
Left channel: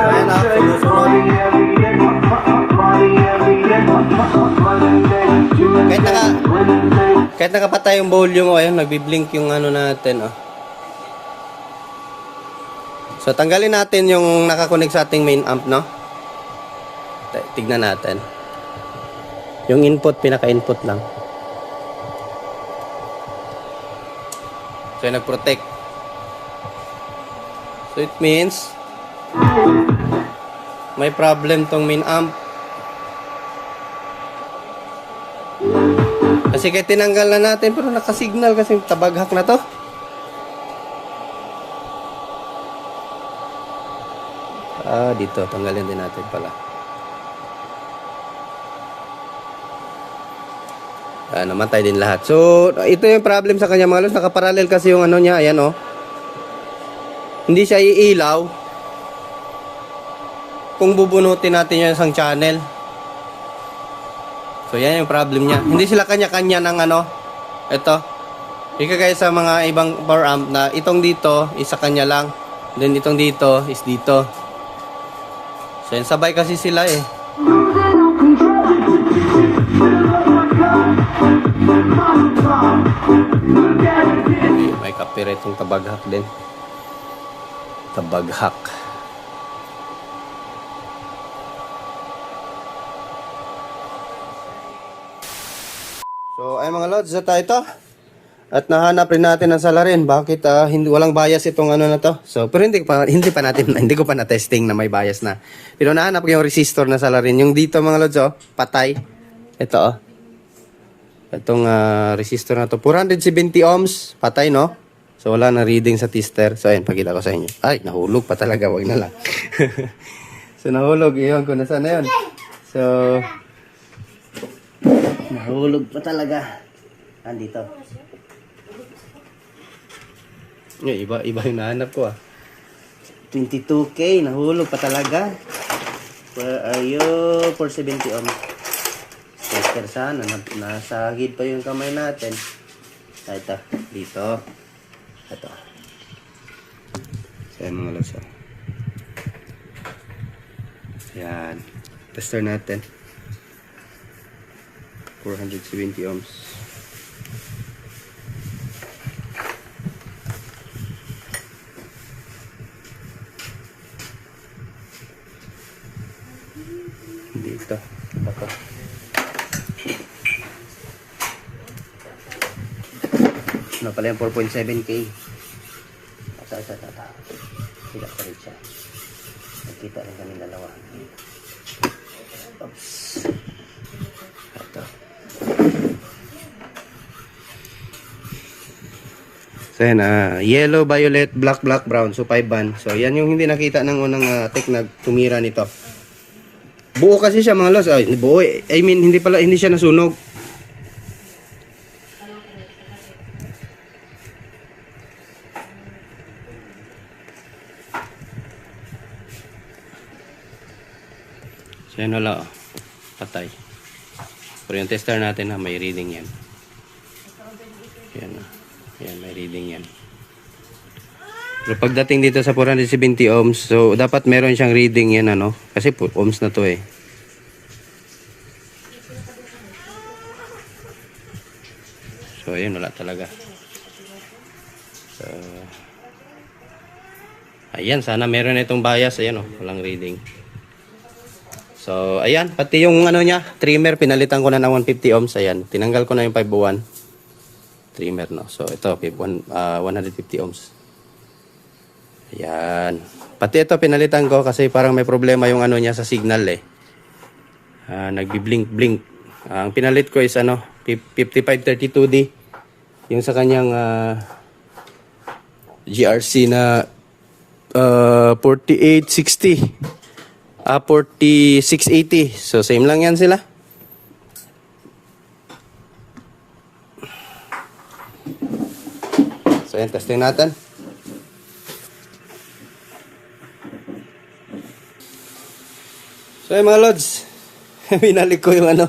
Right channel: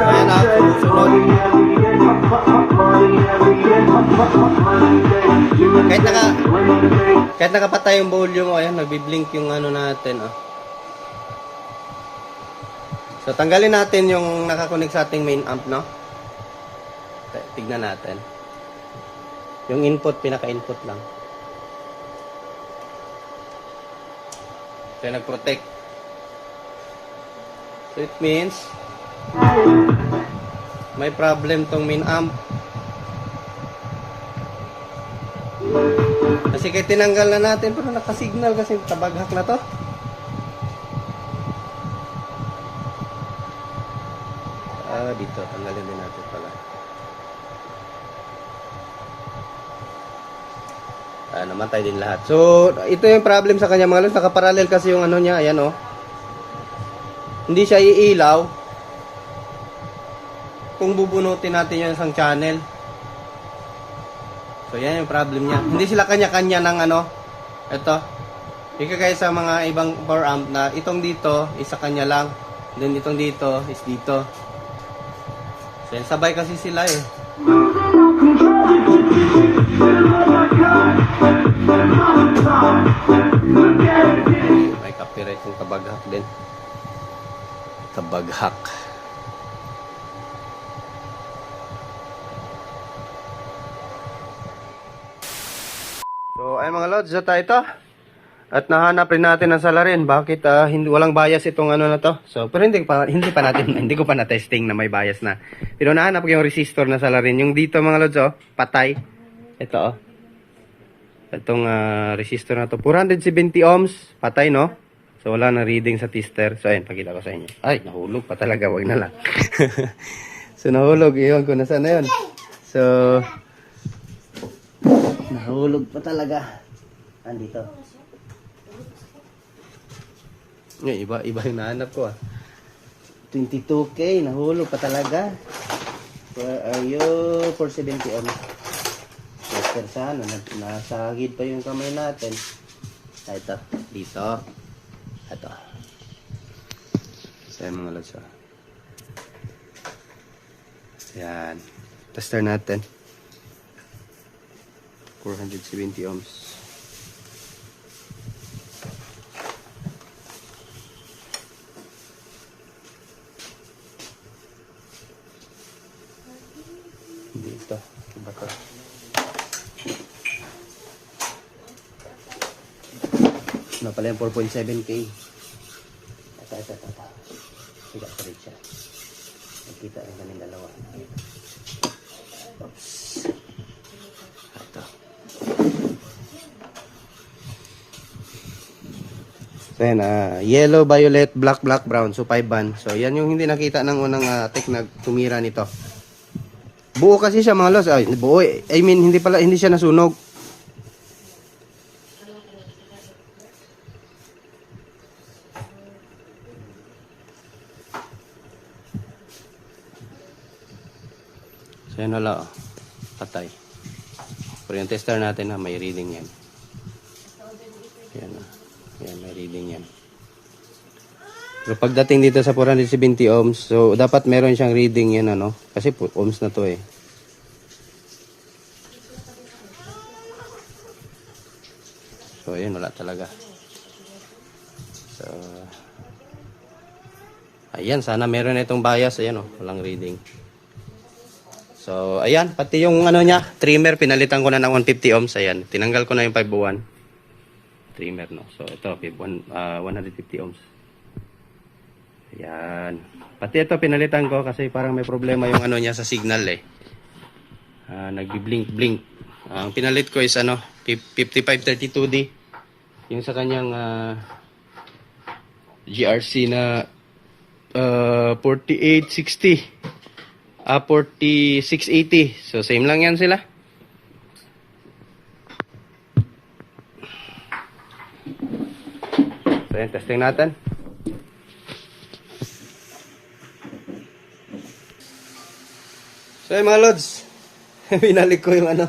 Ayan na, sumusunod. Kahit nakapatay yung volume, ayan, nagbiblink yung ano natin, oh. So, tanggalin natin yung nakakonect sa ating main amp, no? Tignan natin. Yung input, pinaka-input lang. So, nag-protect. So, it means may problem tong main amp. Kasi kahit tinanggal na natin, pero nakasignal kasi tabaghak na to. Dito, tanggalin din natin pala. Namatay din lahat. So, ito yung problem sa kanya mga lods. Nakaparallel kasi yung ano niya. Ayan, oh. Hindi siya iilaw kung bubunutin natin yung isang channel. So, yan yung problem niya. Hindi sila kanya-kanya ng ano. Ito. Ika kaya sa mga ibang power amp na itong dito, isa kanya lang. Then itong dito, is dito. So, yan, sabay kasi sila eh. May copyright yung tabaghak din. Tabaghak. So, ay mga lods, na tayo ito. At nahanap rin natin ang salarin. Bakit hindi walang bias itong ano na to? So, pero hindi ko pa na-testing na may bias na. Pero nahanap ko yung resistor na salarin. Yung dito mga lods, oh, patay. Ito, oh. Itong resistor na to, 470 ohms, patay, no? So, wala na reading sa tester. So, ayun, pakita ko sa inyo. Ay, nahulog pa talaga, wag na lang. So, nahulog. Iyon ko, nasaan na yun? So, nahulog pa talaga. Andito. Iba yung nahanap ko, 22K, nahulog pa talaga. Where are you? 470 ohms. Tester sana, nasagid pa yung kamay natin. Ito, dito. Ito. So, mga lods. Yan. Tester natin. 470 ohms. Dito. Iba to. Ano pala yung 4.7K. Ito. Higa pa rin siya. Nagkita rin kami dalawa. Oops. Ito. So yan, yellow, violet, black, brown. So 5 band. So yan yung hindi nakita ng unang tech na tumira nito. Buo kasi siya mga lods. Ay, buo. I mean, hindi siya nasunog. So yan wala, oh. Patay. Pero yung tester natin may reading yan. Yan, yan, may reading yan. Pero pagdating dito sa 470 ohms, so dapat meron siyang reading yan, ano? Kasi ohms na to eh. So ayun, wala talaga. So Ayan, sana meron na itong bias. Ayan, oh, walang reading. So, ayan, pati yung ano niya, trimmer, pinalitan ko na ng 150 ohms. Ayan, tinanggal ko na yung 501 trimmer, no. So, ito, 150 ohms. Ayan. Pati ito, pinalitan ko kasi parang may problema yung ano niya sa signal, eh. Nagbi-blink-blink. Ang pinalit ko is ano, 5532D. Yung sa kanyang GRC na 4860. 4680. So, same lang yan sila. So, yan, testing natin. So, yan, mga lods. Binalik ko yung ano,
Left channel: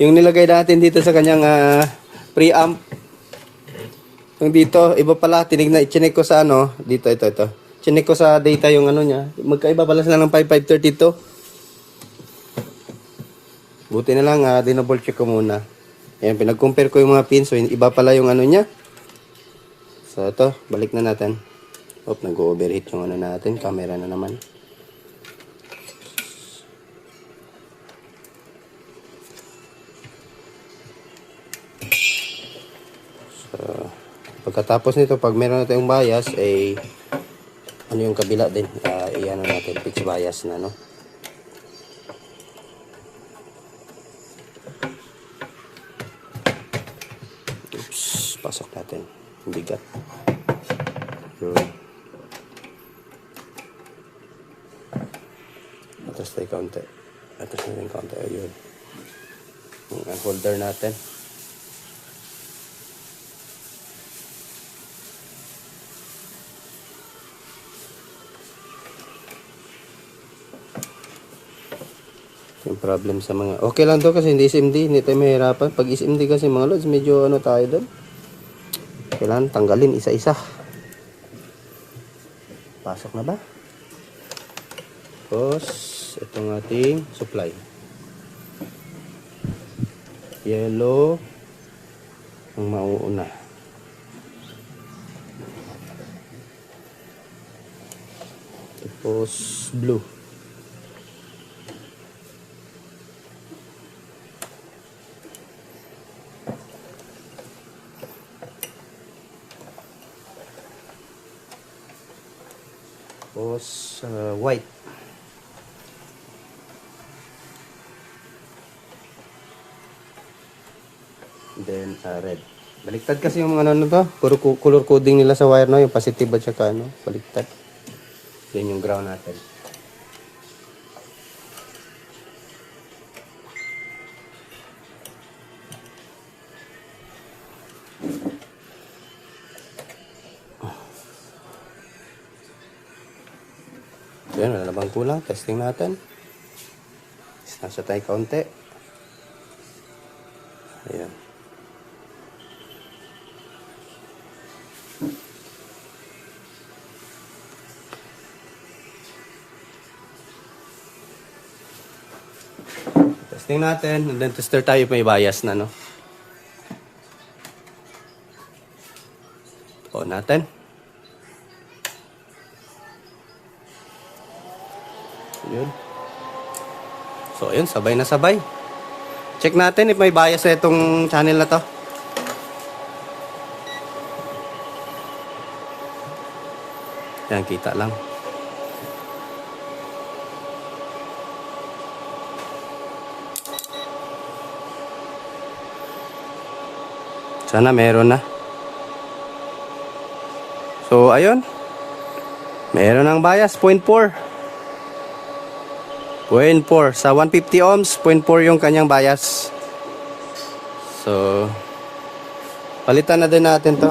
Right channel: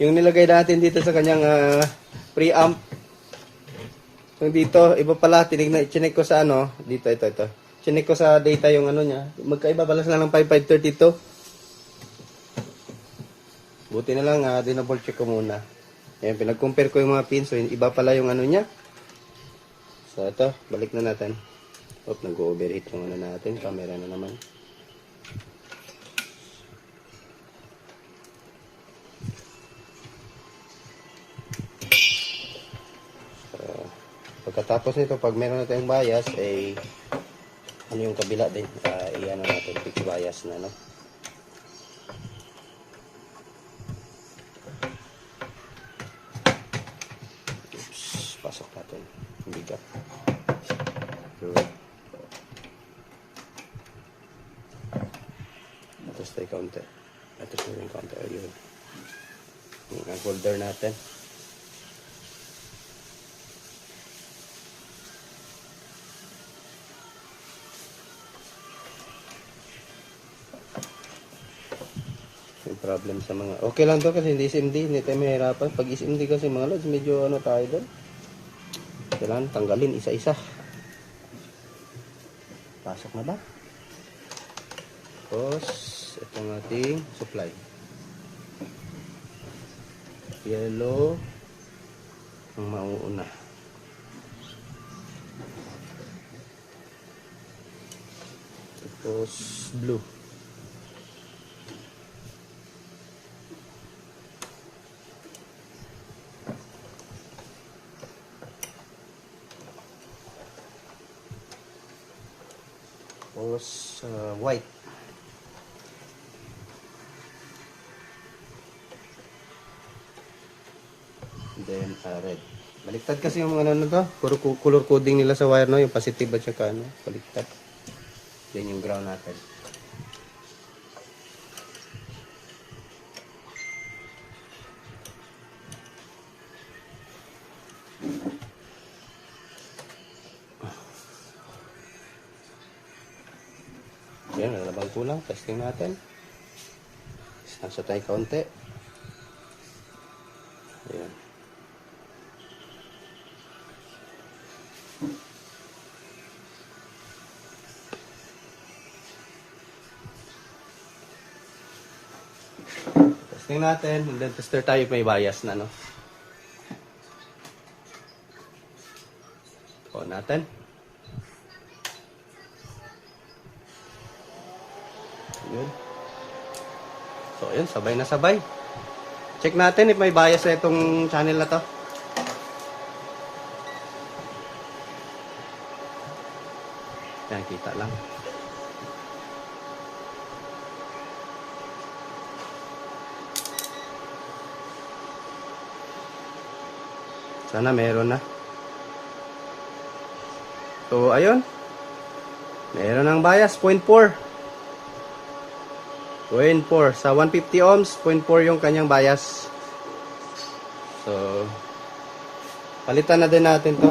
yung nilagay natin dito sa kanyang preamp. Yung dito, iba pala, chinek ko sa ano, dito, ito. Chinek ko sa data yung ano niya. Magkaiba pala sila ng 5532. Buti na lang, dinouble check ko muna. Ayan, pinag-compare ko yung mga pins. So, iba pala yung ano niya. So, ito, balik na natin. Nag-overheat yung ano natin. Camera na naman. Pagkatapos nito, pag meron natin yung bias, ay ano yung kabila din, iyan natin, fixed bias na, no? Oops, pasok natin. Hindi ka. Atas tayo kaunti. Atas na rin kaunti. Ayun. Ang holder natin. Yung problem sa mga okay lang to kasi hindi SMD, hindi tayo mahirapan. Pag SMD kasi mga lods, medyo ano tayo doon, kailangan tanggalin isa-isa. Pasok na ba? Tapos itong ating supply, yellow ang mauuna, tapos blue. Tapos white. Then red. Baliktad kasi yung ano to, color coding nila sa wire, no, yung positive at saka ano, baliktad. Then yung ground natin. Yan, wala na bang kulang? Testing natin. Nasa tayo kaunti. Ayan. Testing natin. And then tester tayo, may bias na, no? On natin. Yun. So, ayun, sabay na sabay. Check natin if may bias sa itong channel na to. Yan, kita lang. Sana meron na. So, ayun. Meron ng bias, 0.4. 0.4 sa 150 ohms, 0.4 yung kanyang bias. So, palitan na din natin to.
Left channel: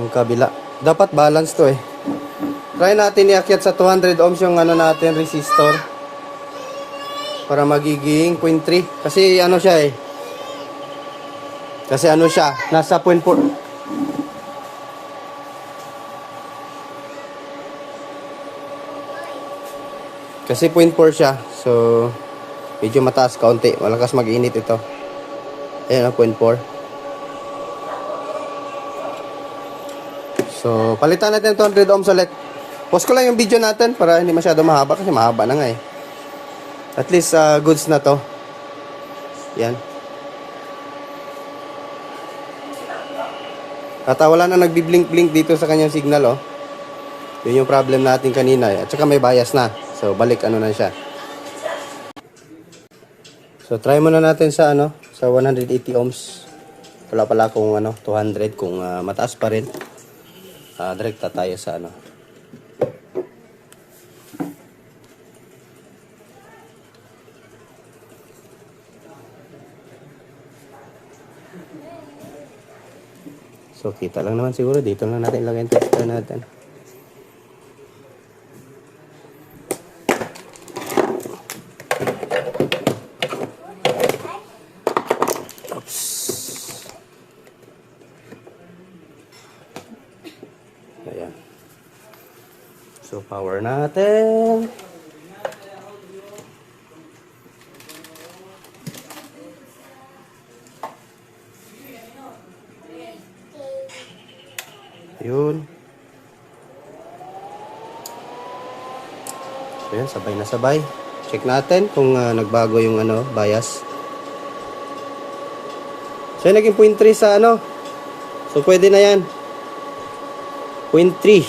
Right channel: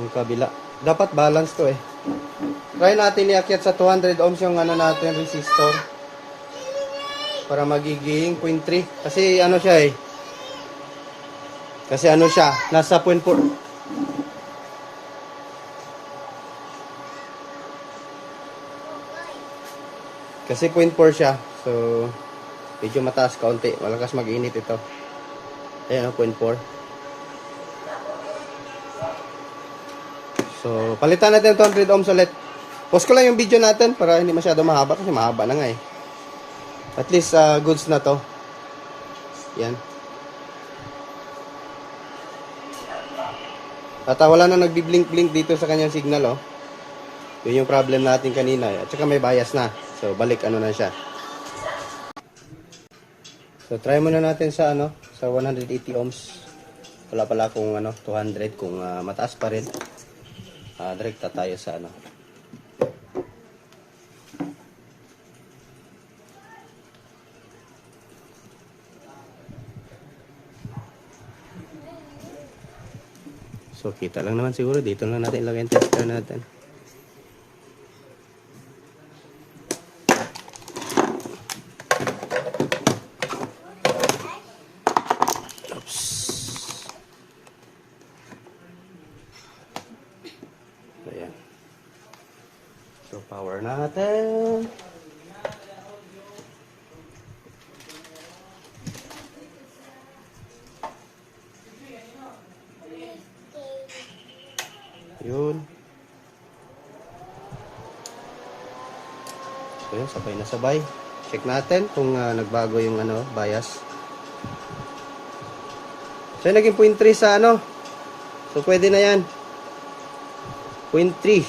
Yung kabila. Dapat balance to eh. Try natin iakyat sa 200 ohms yung ano natin, resistor. Para magiging 0.3. Kasi ano siya eh. Kasi ano siya, nasa 0.4. Kasi 0.4 siya. So, medyo mataas kaunti. Malakas mag-init ito. Ayan, 0.4. So, palitan natin 200 ohms ulit. Pause ko lang yung video natin para hindi masyado mahaba kasi mahaba na nga eh. At least goods na to. Yan. At wala na nagbi-blink-blink dito sa kanyang signal oh. Yun yung problem natin kanina eh. At saka may bias na. So, balik ano na siya. So, try muna natin sa sa 180 ohms. Wala pala kung 200 kung mataas pa rin. Direkta tayo sa So, kita lang naman siguro. Dito lang natin ilagay yung tester natin. Oops. Ayan. So, power natin. Yun. So yan, sabay na sabay. Check natin kung nagbago yung bias. So yan, naging 0.3 sa So pwede na yan. 0.3.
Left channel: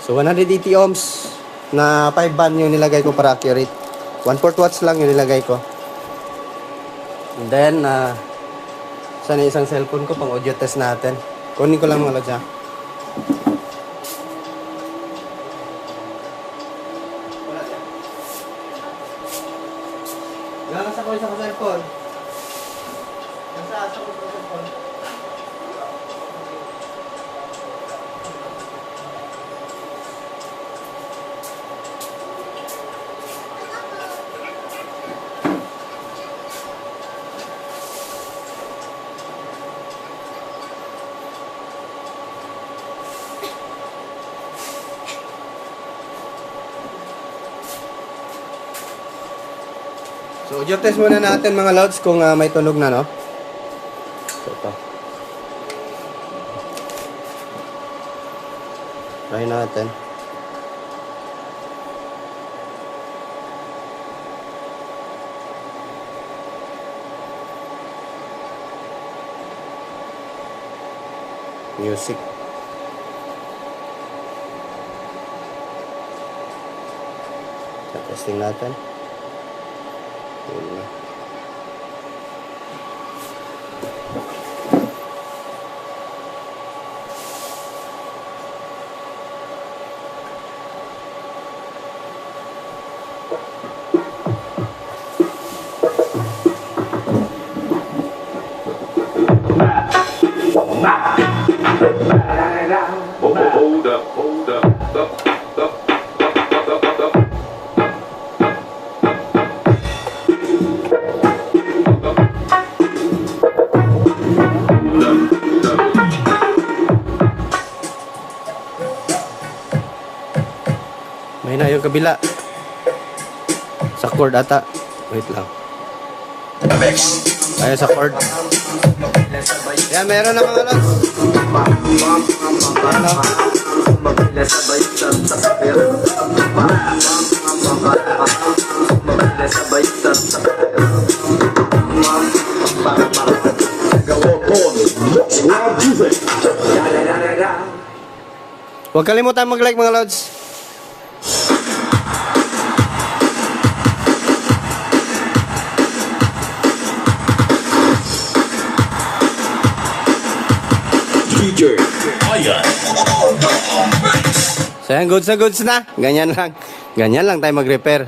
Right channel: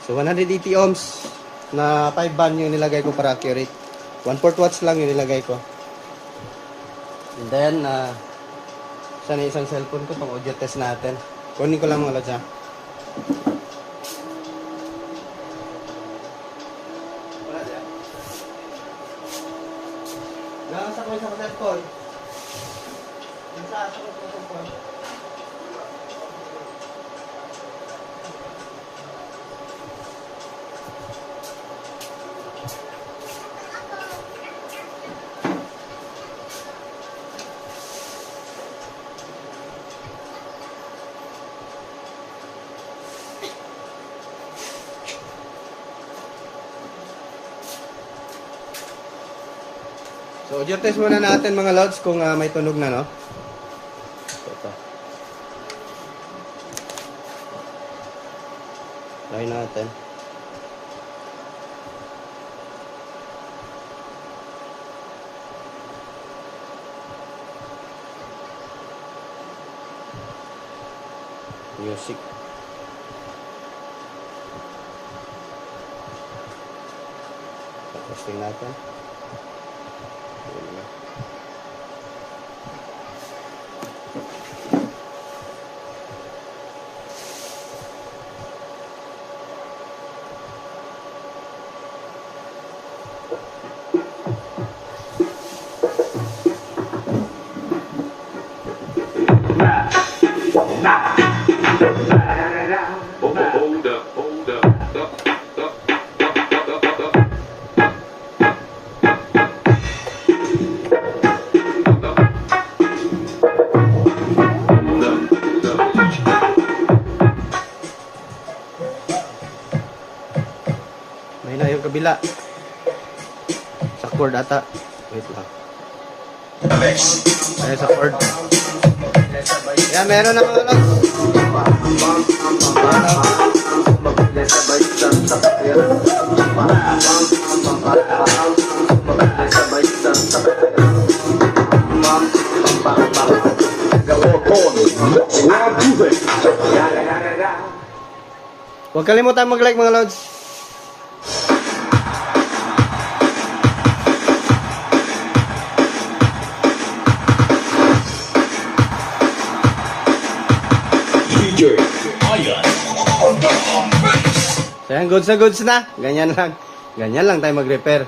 So 180 ohms na 5 ban yung nilagay ko para accurate. 1/4 watts lang yung nilagay ko. And then sana isang cellphone ko pang audio test natin. Kunin ko lang mga lods ha. Galas ako sa cellphone. Nasa ako sa cellphone. So, audio test muna natin mga lods kung may tunog na, no? So, ito. Try natin. Music. So, testing natin. Yun na. Hold up, hold up, up. May na yung kabila. Sa chord ata. Wait lang. Ay, sa chord. Yan, meron na mga lods. Huwag kalimutan mag-like mga lods. So yan, goods na goods na. Ganyan lang. Ganyan lang tayo mag-repair.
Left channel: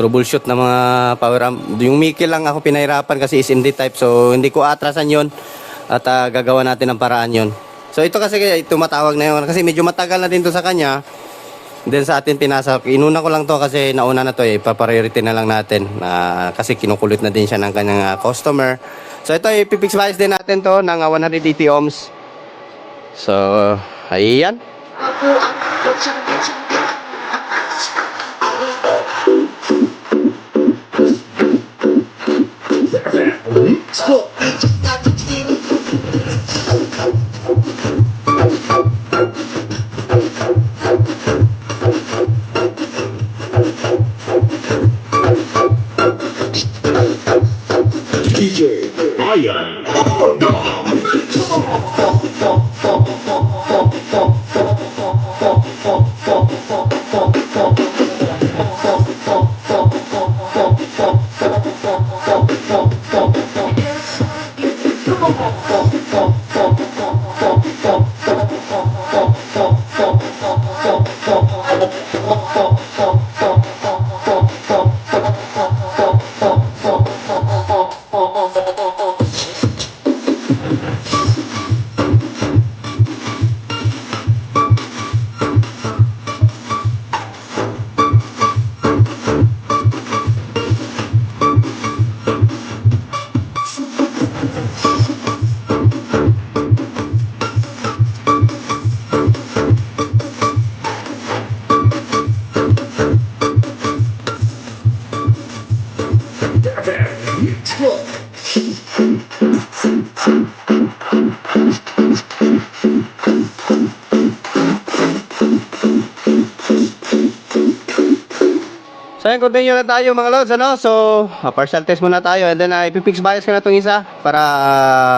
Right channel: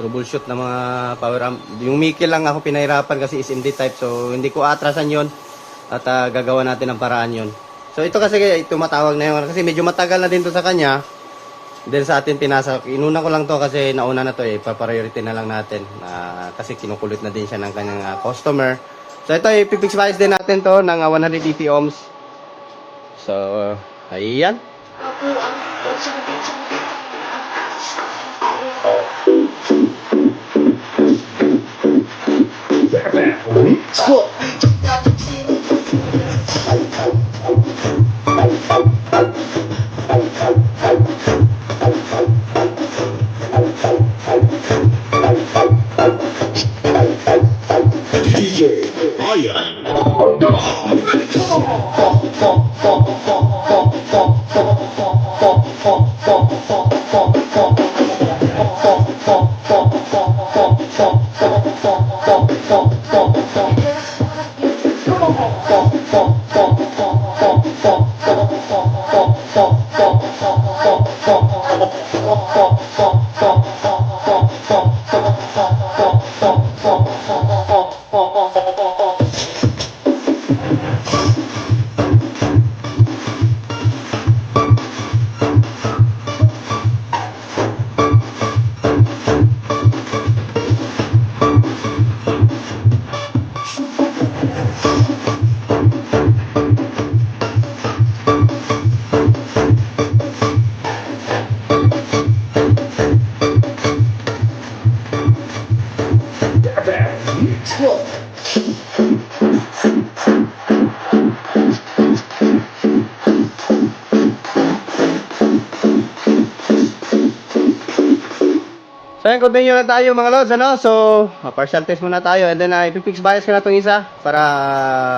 Troubleshoot na mga power amp. Yung Mickey lang ako pinahirapan kasi is MD type. So hindi ko atrasan yon. At gagawa natin ng paraan yon. So ito kasi tumatawag na yun. Kasi medyo matagal na din to sa kanya. Then sa atin pinasa. Inuna ko lang to kasi nauna na to eh. Ipapriority na lang natin. Kasi kinukulit na din siya ng kanyang customer. So ito ipipix bias din natin to ng 180 ohms. So ayan. Let's go. Bayan. So ayun, continue na tayo mga lods, ano? So, partial test muna tayo and then ipipix bias ko na itong isa para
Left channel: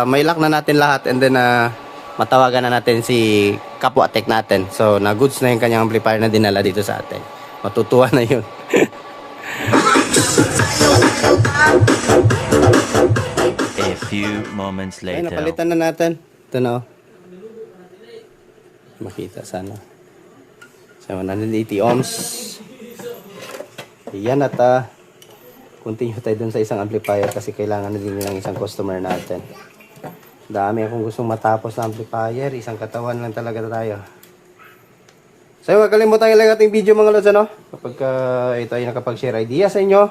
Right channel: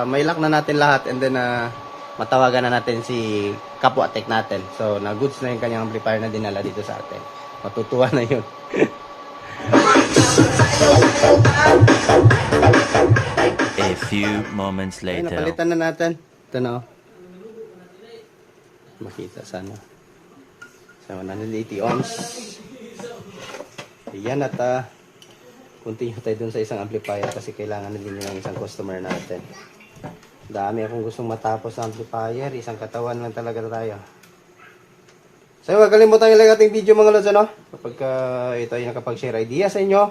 may lock na natin lahat and then matawagan na natin si kapwa tech natin. So, na-goods na yung kanyang amplifier na dinala dito sa atin. Matutuwa na yun. A few moments Ayun, later. napalitan na natin. Ito na, oh. Makita sana. So, 180 ohms. Yan at continue tayo dun sa isang amplifier kasi kailangan na din ng isang customer natin. Dami akong gustong matapos na amplifier. Isang katawan lang talaga tayo. So, huwag kalimutan ilagay ating video mga lods, ano? Kapag ito ay nakapag-share idea sa inyo.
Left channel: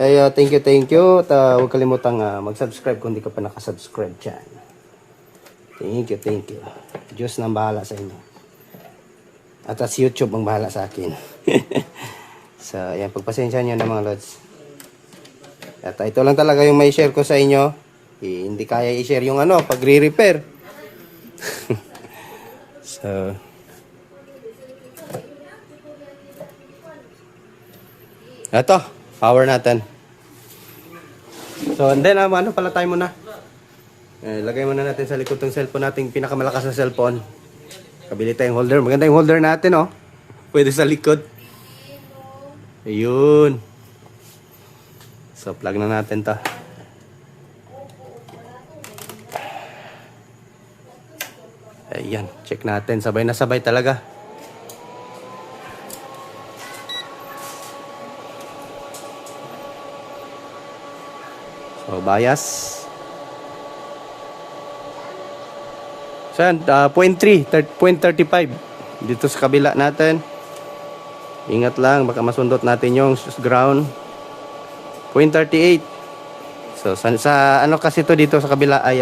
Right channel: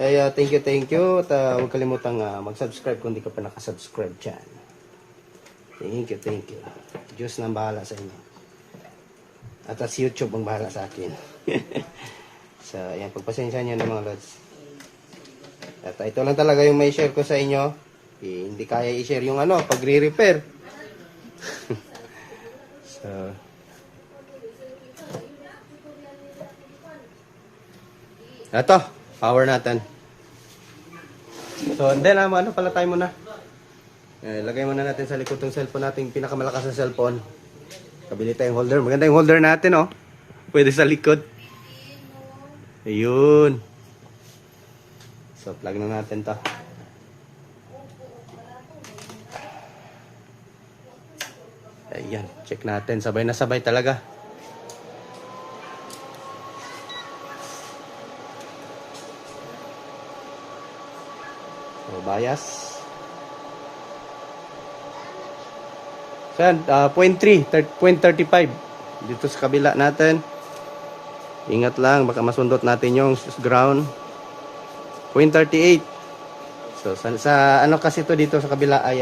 Ay, thank you. At huwag kalimutan mag-subscribe kung di ka pa nakasubscribe dyan. Thank you. Diyos nang bahala sa inyo. At as YouTube ang bahala sa akin. So, ayan, pagpasensya nyo na mga lods. At ito lang talaga yung may share ko sa inyo. Hindi kaya i-share yung pag re-repair. So, eto, power natin. So, and then, pala tayo muna. Lagay muna natin sa likod ng cellphone natin, pinakamalakas na cellphone. Kabili tayong holder. Maganda yung holder natin, oh. Pwede sa likod. Ayun. So, plug na natin to. Ayan, check natin. Sabay na sabay talaga. So, bias. So, 0.35 dito sa kabila natin. Ingat lang, baka masundot natin yung ground. 0.38. So, sa kasi to dito sa kabila ay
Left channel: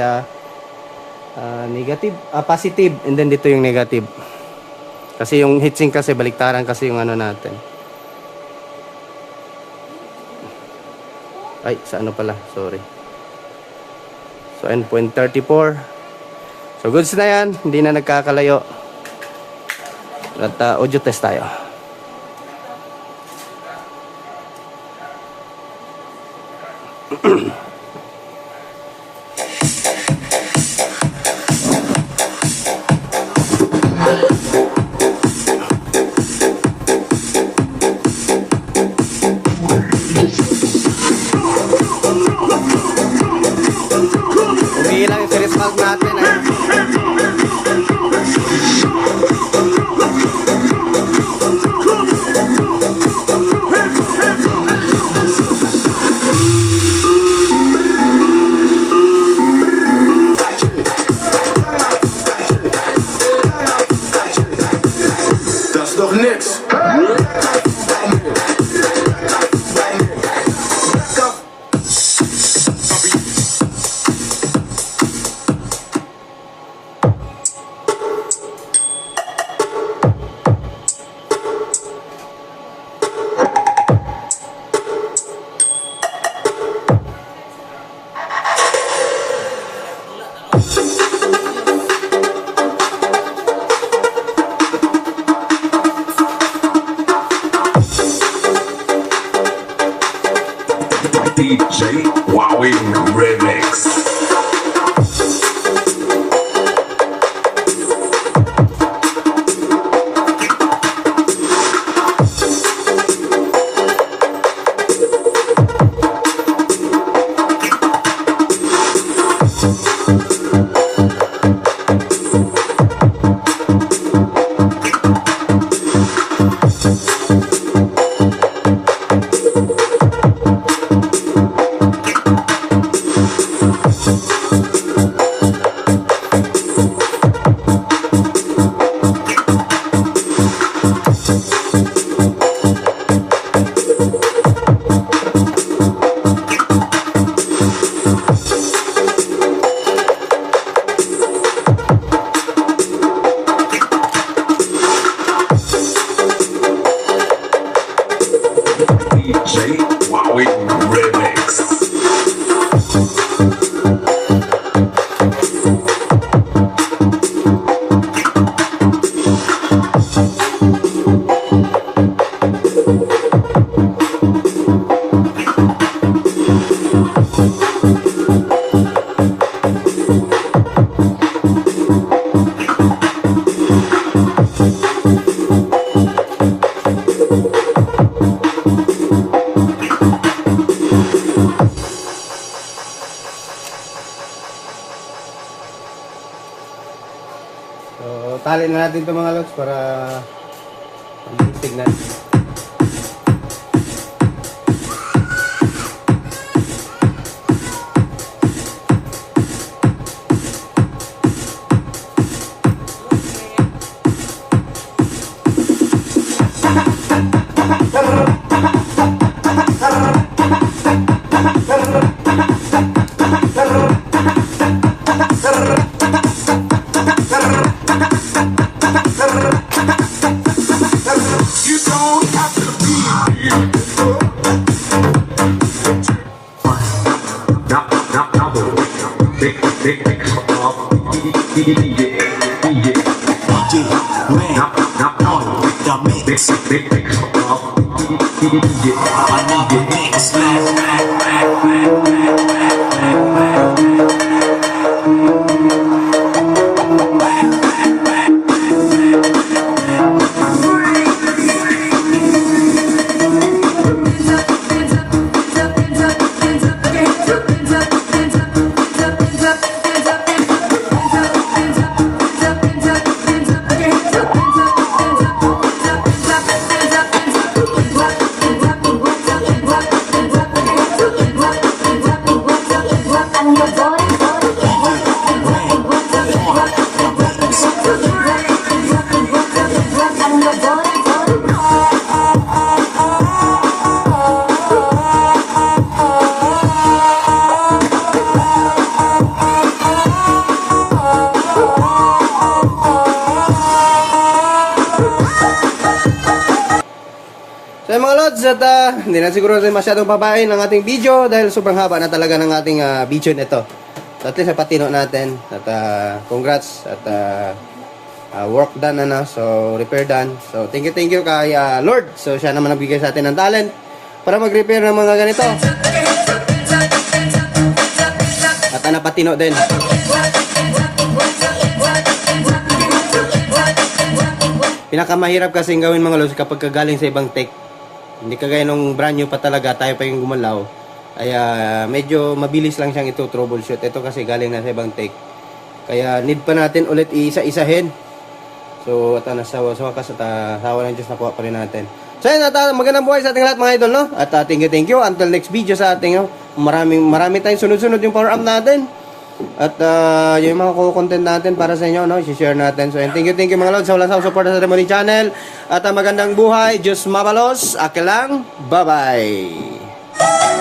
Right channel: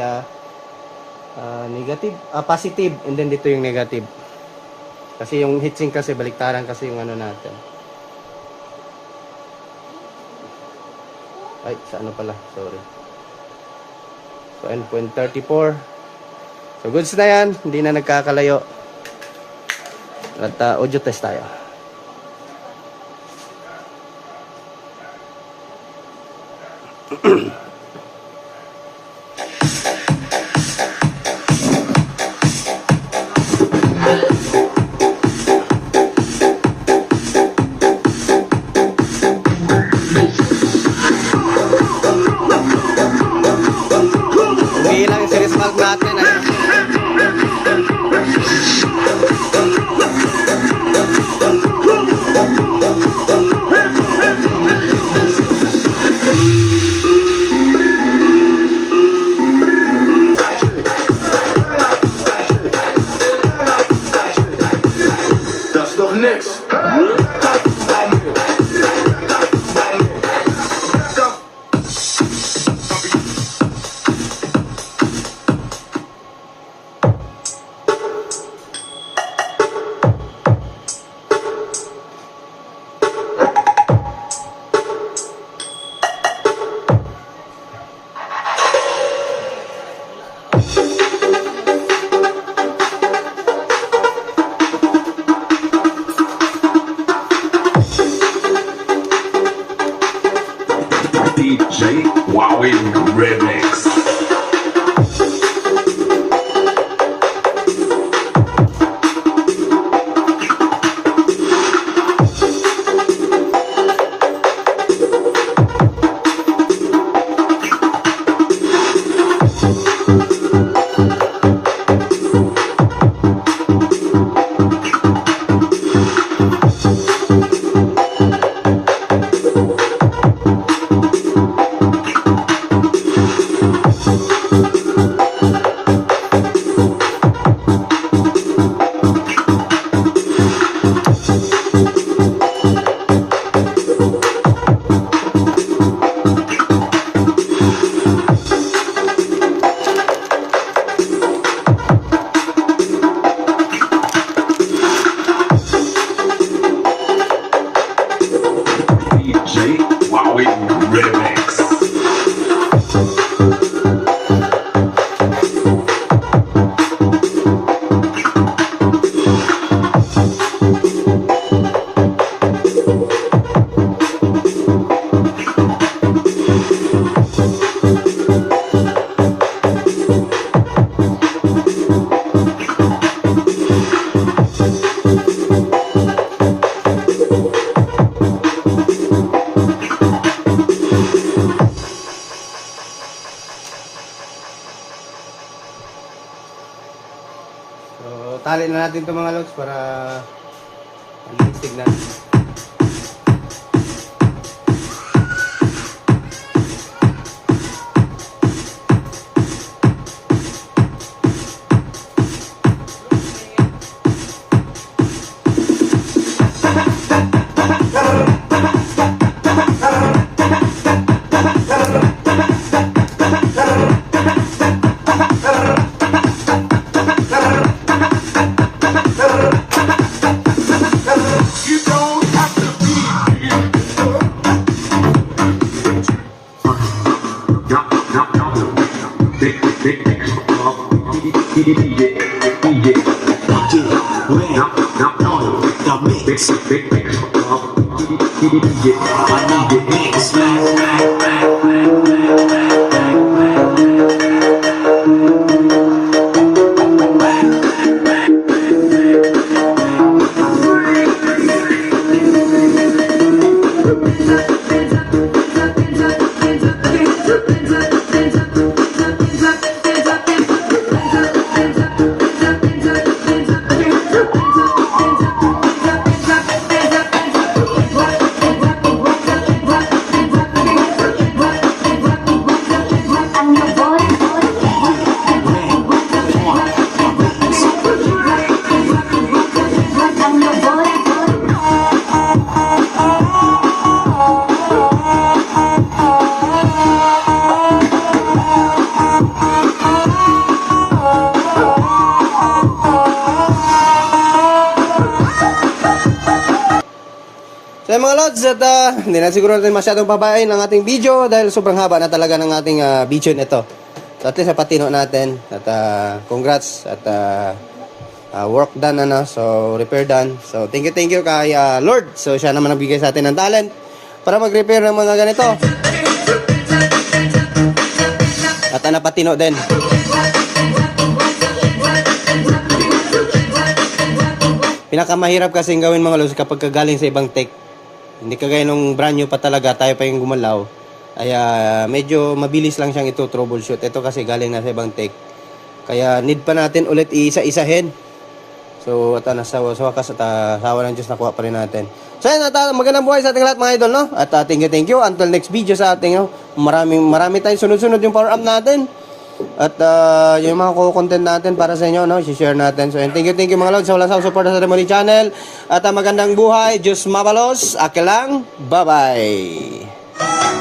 negative, positive, and then dito yung negative. Kasi yung heatsink kasi baliktaran kasi yung natin. Ay, sa pala, sorry. So, 0.34. So, goods na yan, hindi na nagkakalayo. At audio test tayo. Hindi lang yung series valve natin. Next. DJ Wowie Remix. DJ Wowie Remix. So, tali na natin ito mga lods para pag-istig natin. So yung mga lods, at hindi na siguro natin masyadong babain ang ating video dahil sobrang haba na talaga ng ating video nito. So at least napatino natin at congrats at work done na, so repair done. So thank you kay Lord. So siya naman nagbigay sa atin ng talent para mag-repair ng mga ganito. At napatino din. Pinakamahirap kasing gawin mga lods kapag kagaling sa ibang tech. Hindi kagaya nung brand new pa talaga, tayo pa yung gumalaw. Ay medyo mabilis lang siyang ito-troubleshoot. Ito kasi galing na sa ibang tech. Kaya need pa natin ulit isa-isahin. So at sa wakas at sawa ng Diyos nakuha pa rin natin. So yun, at magandang buhay sa ating lahat mga idol, no? At thank you. Until next video sa ating, no? Marami tayong sunod-sunod yung power up natin. At yung mga content natin para sa inyo, no? I-share natin. So, thank you mga lods. Sa walang support sa Remoli Channel. At magandang buhay. Diyos mabalos. Aki lang. Bye-bye.